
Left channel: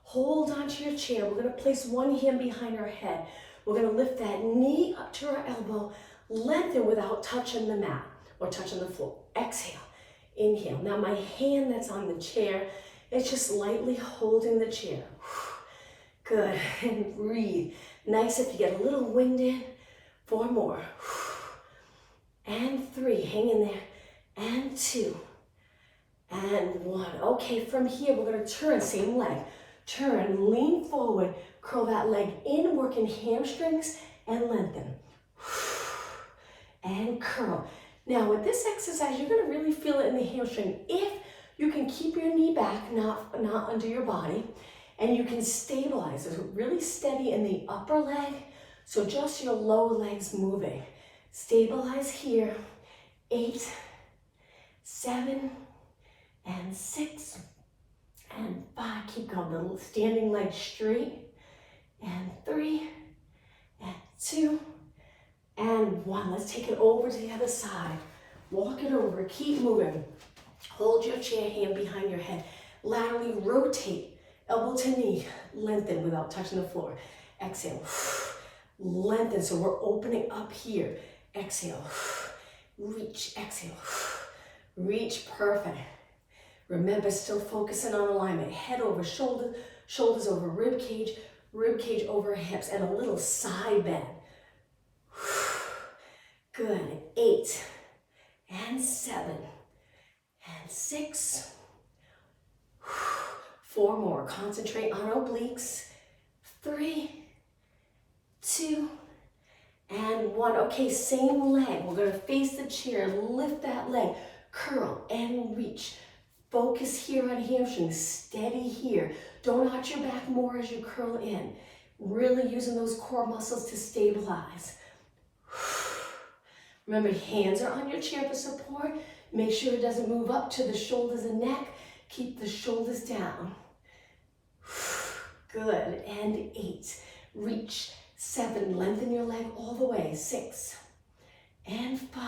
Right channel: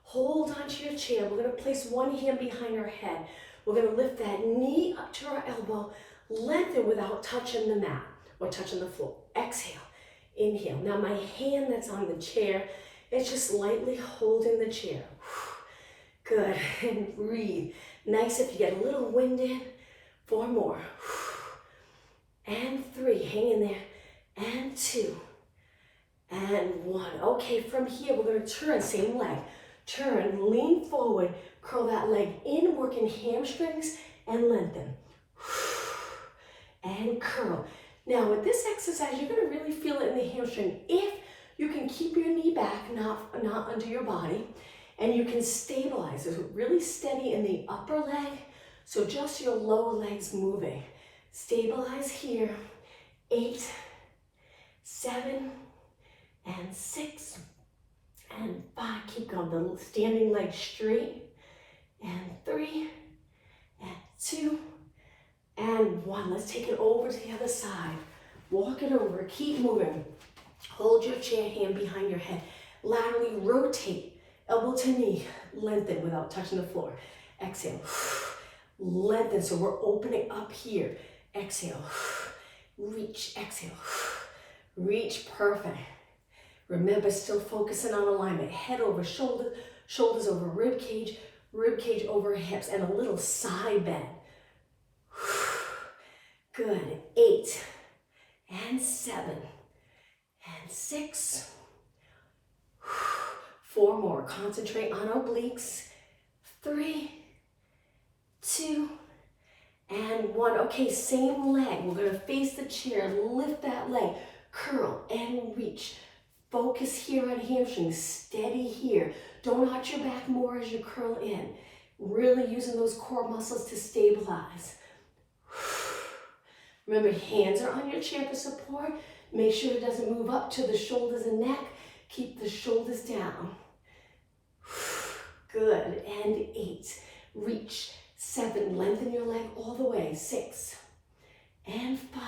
Hold onto your chair. We're going to place one hand behind our head. We're going to lift that knee up to our elbow. Lengthen without touching the mat or touching the floor. Exhale. Inhale. Now my hand that's on the chair is just lightly holding the chair. Good. And breathe. Nice if you get a little wind in. 4 more. And 3. Hang in there. And 2. And 1. Okay, from here we're going to turn. Same leg. Turn. Lean forward. Curl that leg in. Working hamstrings and lengthen. And curl. Now with this exercise, you're going to really feel it in the hamstring. If you can keep your knee back, not under your body, and you can stabilize. It's really steady in the upper leg, so just your lower legs moving. Stabilize here. 8, 7, and 6, and 5. Keep going. The standing leg straight. And 3, and 2, and 1. Let's take it over to the other side. Walk it over. Keep moving. Hold your chair, hand behind your head. Laterally rotate. Elbow to knee. Lengthen without touching the floor. Exhale. Lengthen. So we're opening up here. Exhale. Reach. Exhale. Reach. Perfect. Remember, still focusing on alignment. Head over shoulder. Shoulders over rib cage over hips, and a little side bend. Good. 8, and 7, and 6. 4 more. Concentrate on obliques. 3, 2, and 1. Okay, same leg. We're going to face the chair. Lift that leg. Curl and reach. Focus here on hamstrings. Steady here. Don't arch your back more as you curl in. Really using those core muscles to stabilize. Remember, hands are on your chair for support. Make sure it doesn't move up to the shoulders and neck. Keep the shoulders down. Good. And 8. Reach. 7. Lengthen your leg all the way. 6. And 5.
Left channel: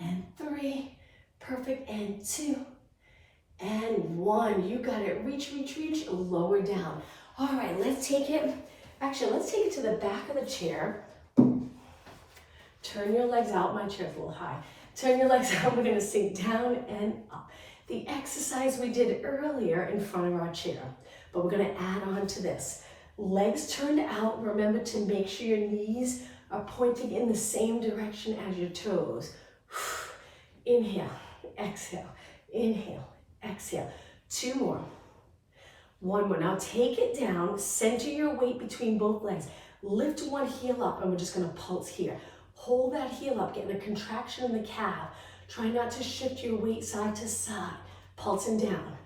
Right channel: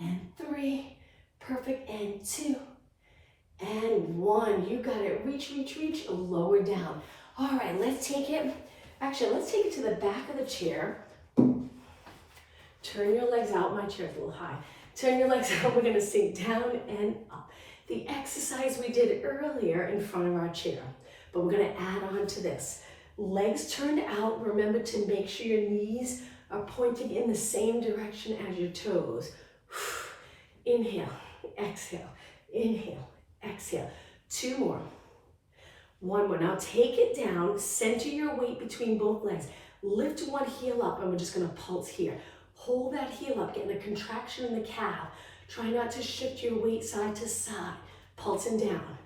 And 3. Perfect. And 2. And 1. You got it. Reach, reach, reach. Lower down. All right, let's take it to the back of the chair. Turn your legs out. My chair's a little high. Turn your legs out. We're gonna sink down and up. The exercise we did earlier in front of our chair, but we're gonna add on to this. Legs turned out. Remember to make sure your knees are pointing in the same direction as your toes. Inhale, exhale, inhale, exhale. 2 more. 1 more. Now take it down. Center your weight between both legs. Lift one heel up, and we're just gonna pulse here. Hold that heel up, getting a contraction in the calf. Try not to shift your weight side to side. Pulsing down.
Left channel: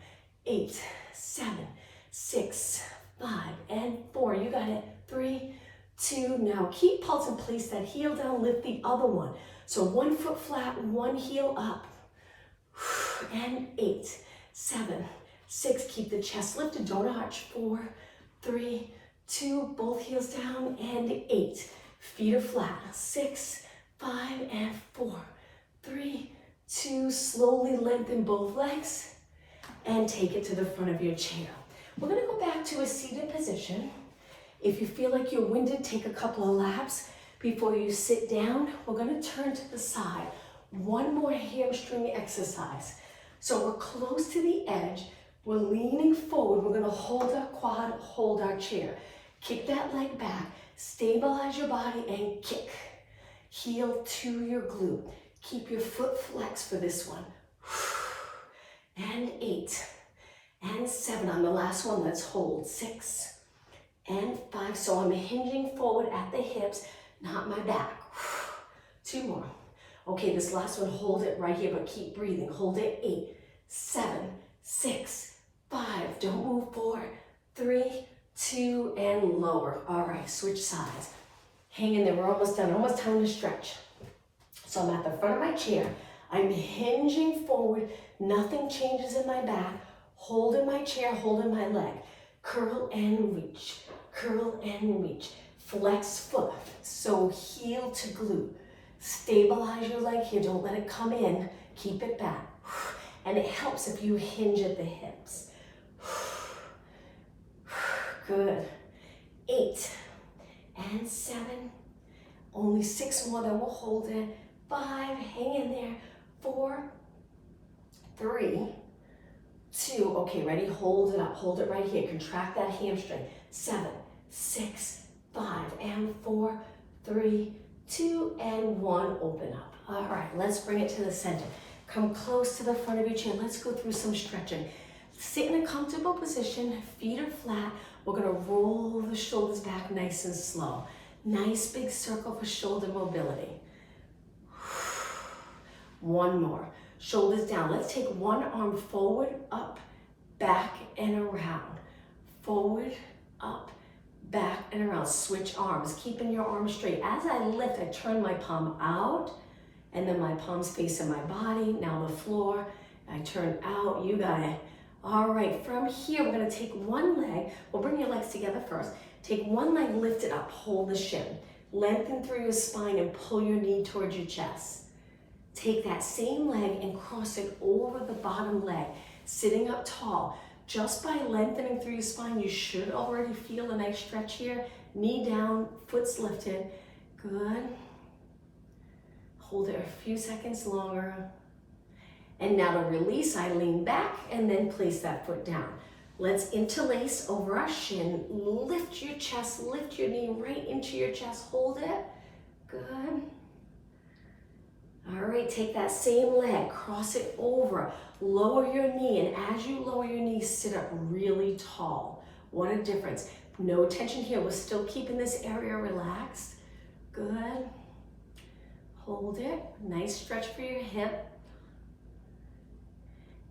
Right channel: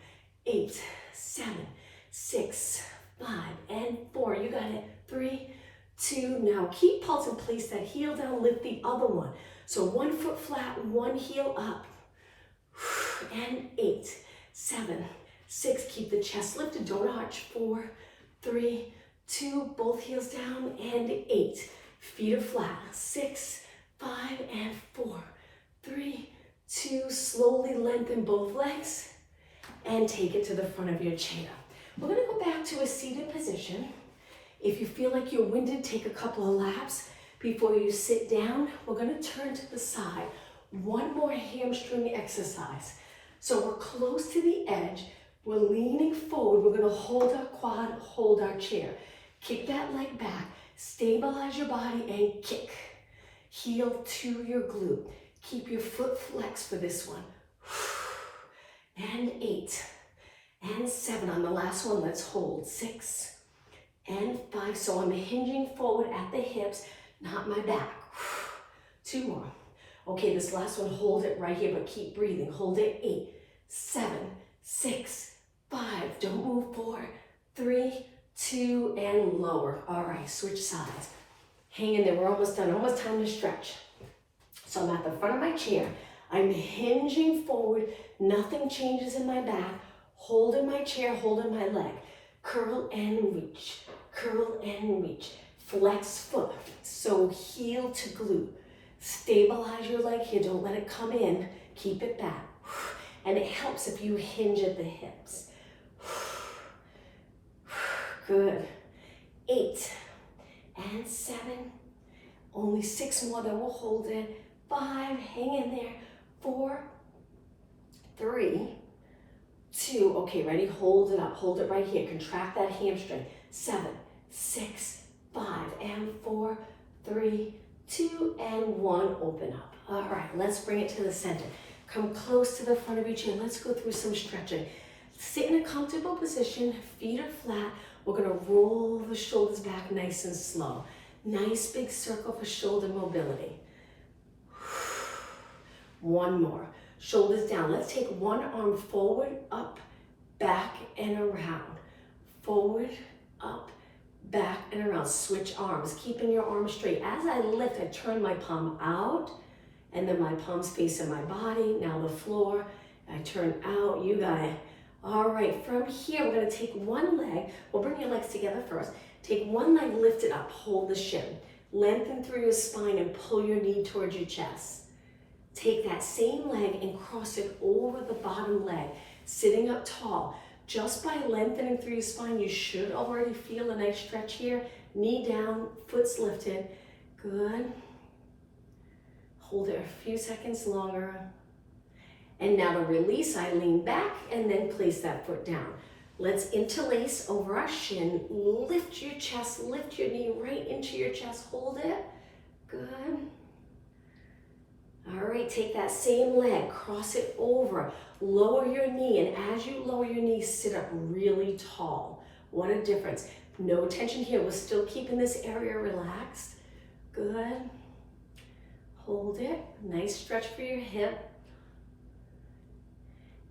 8, 7, 6, 5, and 4. You got it. 3, 2. Now keep pulsing. Place that heel down. Lift the other one. So 1 foot flat, 1 heel up. And 8, 7, 6. Keep the chest lifted. Don't arch. 4, 3, 2. Both heels down. And 8. Feet are flat. 6, 5, and 4, 3, 2. Slowly lengthen both legs and take it to the front of your chair. We're gonna go back to a seated position. If you feel like you're winded, take a couple of laps before you sit down. We're gonna turn to the side. 1 more hamstring exercise. So we're close to the edge. We're leaning forward. We're gonna hold our quad, hold our chair. Kick that leg back. Stabilize your body and kick. Heel to your glute. Keep your foot flexed for this one. And 8, and 7. On the last one, let's hold. 6, and 5. So I'm hinging forward at the hips, not my back. 2 more. Okay, this last one, hold it right here, but keep breathing. Hold it. 8, 7, 6, 5. Don't move. 4, 3, 2, and lower. All right, switch sides. Hang in there. We're almost done. Almost time to stretch. So I'm at the front of my chair. I'm hinging forward. Nothing changes in my back. Holding my chair, holding my leg. Curl and reach. Curl and reach. Flex foot. So heel to glute. Stabilize your leg here. Don't let it come in. Keep it back. And it helps if you hinge at the hips. Good. 8, and 7. Only 6 more, then we'll hold it. 5, hang in there. 4, 3, 2. Okay, ready? Hold it up. Hold it right here. Contract that hamstring. 7, 6, 5, and 4, 3, 2, and 1. Open up. All right, let's bring it to the center. Come close to the front of your chair. Let's go through some stretching. Sit in a comfortable position. Feet are flat. We're gonna roll the shoulders back nice and slow. Nice big circle for shoulder mobility. 1 more. Shoulders down. Let's take one arm forward, up, back, and around. Forward, up, back, and around. Switch arms, keeping your arms straight. As I lift, I turn my palm out, and then my palms facing my body. Now the floor. I turn out. You got it. All right, from here, we're gonna take one leg. We'll bring your legs together first. Take one leg, lift it up, hold the shin. Lengthen through your spine and pull your knee towards your chest. Take that same leg and cross it over the bottom leg, sitting up tall. Just by lengthening through your spine, you should already feel a nice stretch here. Knee down, foot's lifted. Good. Hold it a few seconds longer. And now to release, I lean back and then place that foot down. Let's interlace over our shin. Lift your chest, lift your knee right into your chest. Hold it. Good. All right, take that same leg, cross it over, lower your knee, and as you lower your knee, sit up really tall. What a difference. No tension here. We're still keeping this area relaxed. Good. Hold it. Nice stretch for your hip.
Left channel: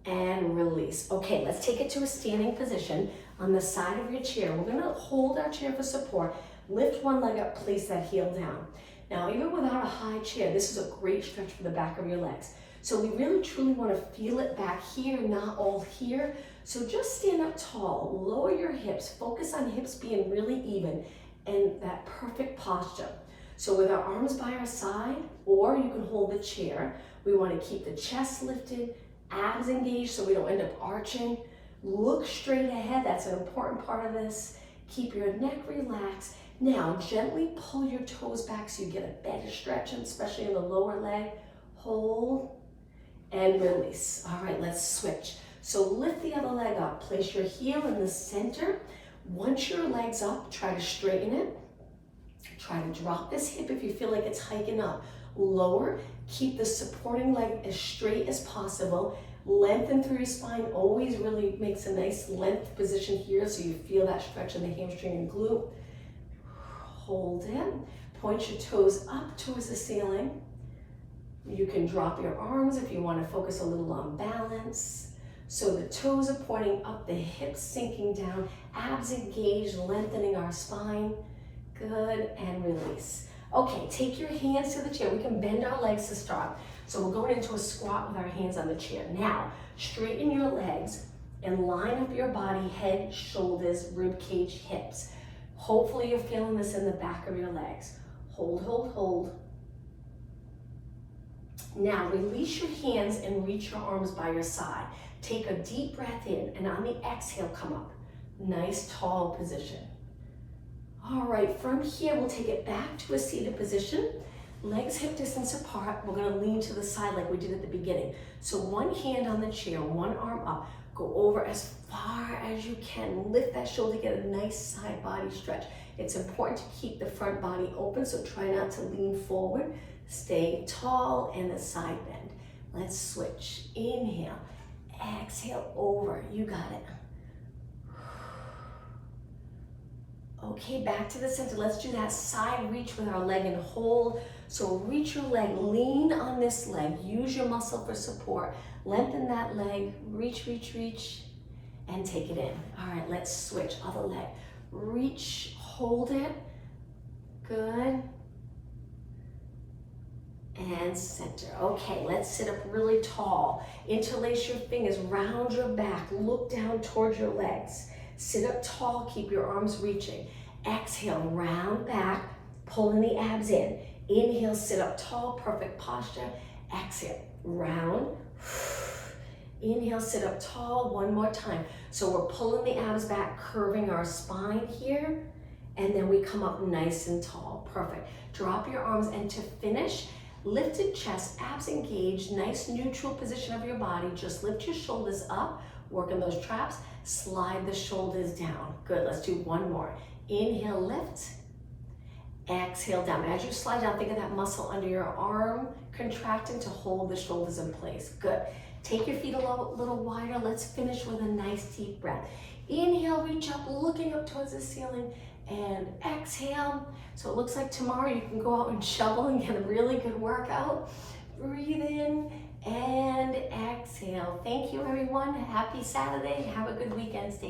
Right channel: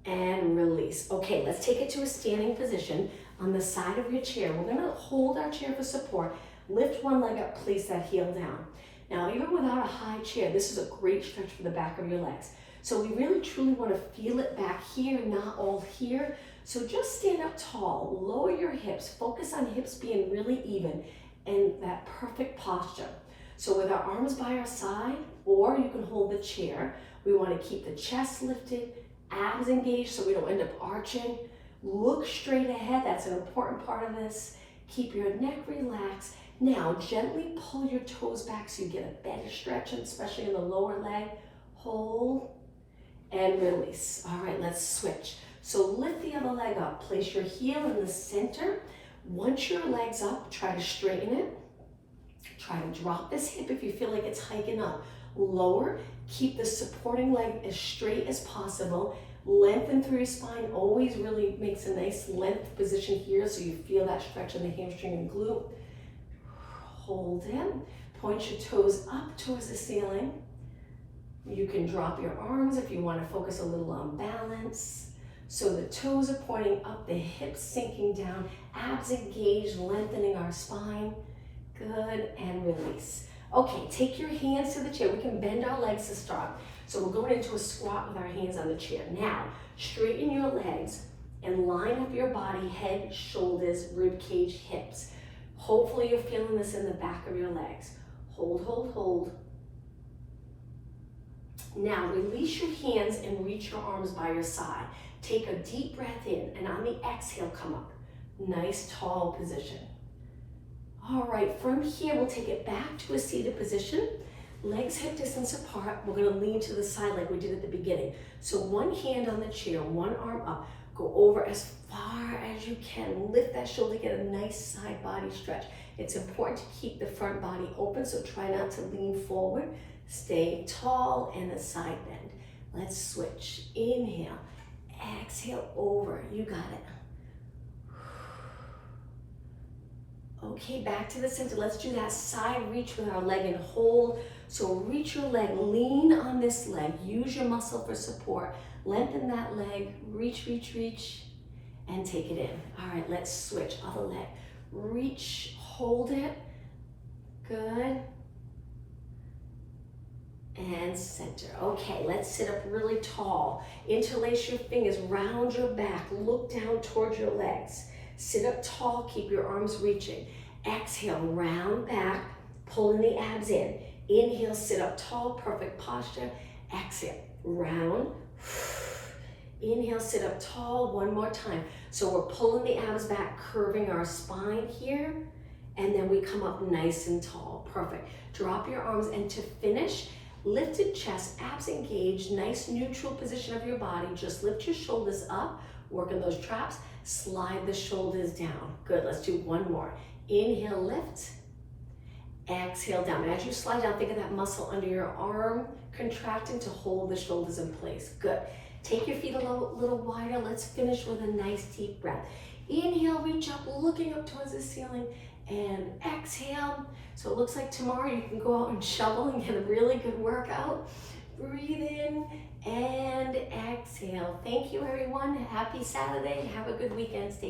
And release. Okay, let's take it to a standing position on the side of your chair. We're gonna hold our chair for support. Lift one leg up, place that heel down. Now, even without a high chair, this is a great stretch for the back of your legs. So we really truly wanna feel it back here, not all here. So just stand up tall, lower your hips, focus on hips being really even and that perfect posture. So with our arms by our side, or you can hold the chair, we wanna keep the chest lifted, abs engaged so we don't end up arching. Look straight ahead, that's an important part of this. Keep your neck relaxed. Now, gently pull your toes back so you get a better stretch, especially in the lower leg. Hold and release. All right, let's switch. So lift the other leg up. Place your heel in the center. Once your leg's up, try to straighten it. Try to drop this hip if you feel like it's hiking up. Lower. Keep the supporting leg as straight as possible. Lengthen through your spine. Always really makes a nice length position here so you feel that stretch in the hamstring and glute. Hold it. Point your toes up towards the ceiling. You can drop your arms if you want to focus a little on balance. So the toes are pointing up, the hips sinking down, abs engaged, lengthening our spine. Good, and release. Okay, take your hands to the chair. We can bend our legs to start. So we're going into a squat with our hands on the chair. Now, straighten your legs and line up your body, head, shoulders, rib cage, hips. Hopefully you're feeling this in the back of your legs. Hold, hold, hold. Now, release your hands and reach your arms by your side. Take a deep breath in, and on the exhale, come up. Nice, tall position. All right, from here, we'll take it back to a seated position. Legs hip distance apart. We're gonna lean to the side like we did at the beginning. So one hand on the chair, one arm up. Go over as far as you can. Lift that shoulder, get a nice side body stretch. It's important to keep the front body open, so try not to lean forward. Stay tall and a side bend. Let's switch. Inhale, exhale over. You got it. Okay, back to the center. Let's do that side reach with our leg and hold. So reach your leg, lean on this leg. Use your muscle for support. Lengthen that leg, reach, reach, reach, and take it in. All right, let's switch. Other leg. Reach, hold it. Good. And center. Okay, let's sit up really tall. Interlace your fingers, round your back, look down towards your legs. Sit up tall, keep your arms reaching. Exhale, round back, pulling the abs in. Inhale, sit up tall, perfect posture. Exhale, round. Inhale, sit up tall, one more time. So we're pulling the abs back, curving our spine here, and then we come up nice and tall. Perfect. Drop your arms, and to finish, lifted chest, abs engaged, nice neutral position of your body. Just lift your shoulders up, working those traps, slide the shoulders down. Good, let's do one more. Inhale, lift, exhale down. As you slide down, think of that muscle under your arm contracting to hold the shoulders in place. Good. Take your feet a little wider. Let's finish with a nice deep breath. Inhale, reach up, looking up towards the ceiling, and exhale. So it looks like tomorrow you can go out and shovel and get a really good workout. Breathe in and exhale. Thank you, everyone. Happy Saturday. Have a good weekend. Stay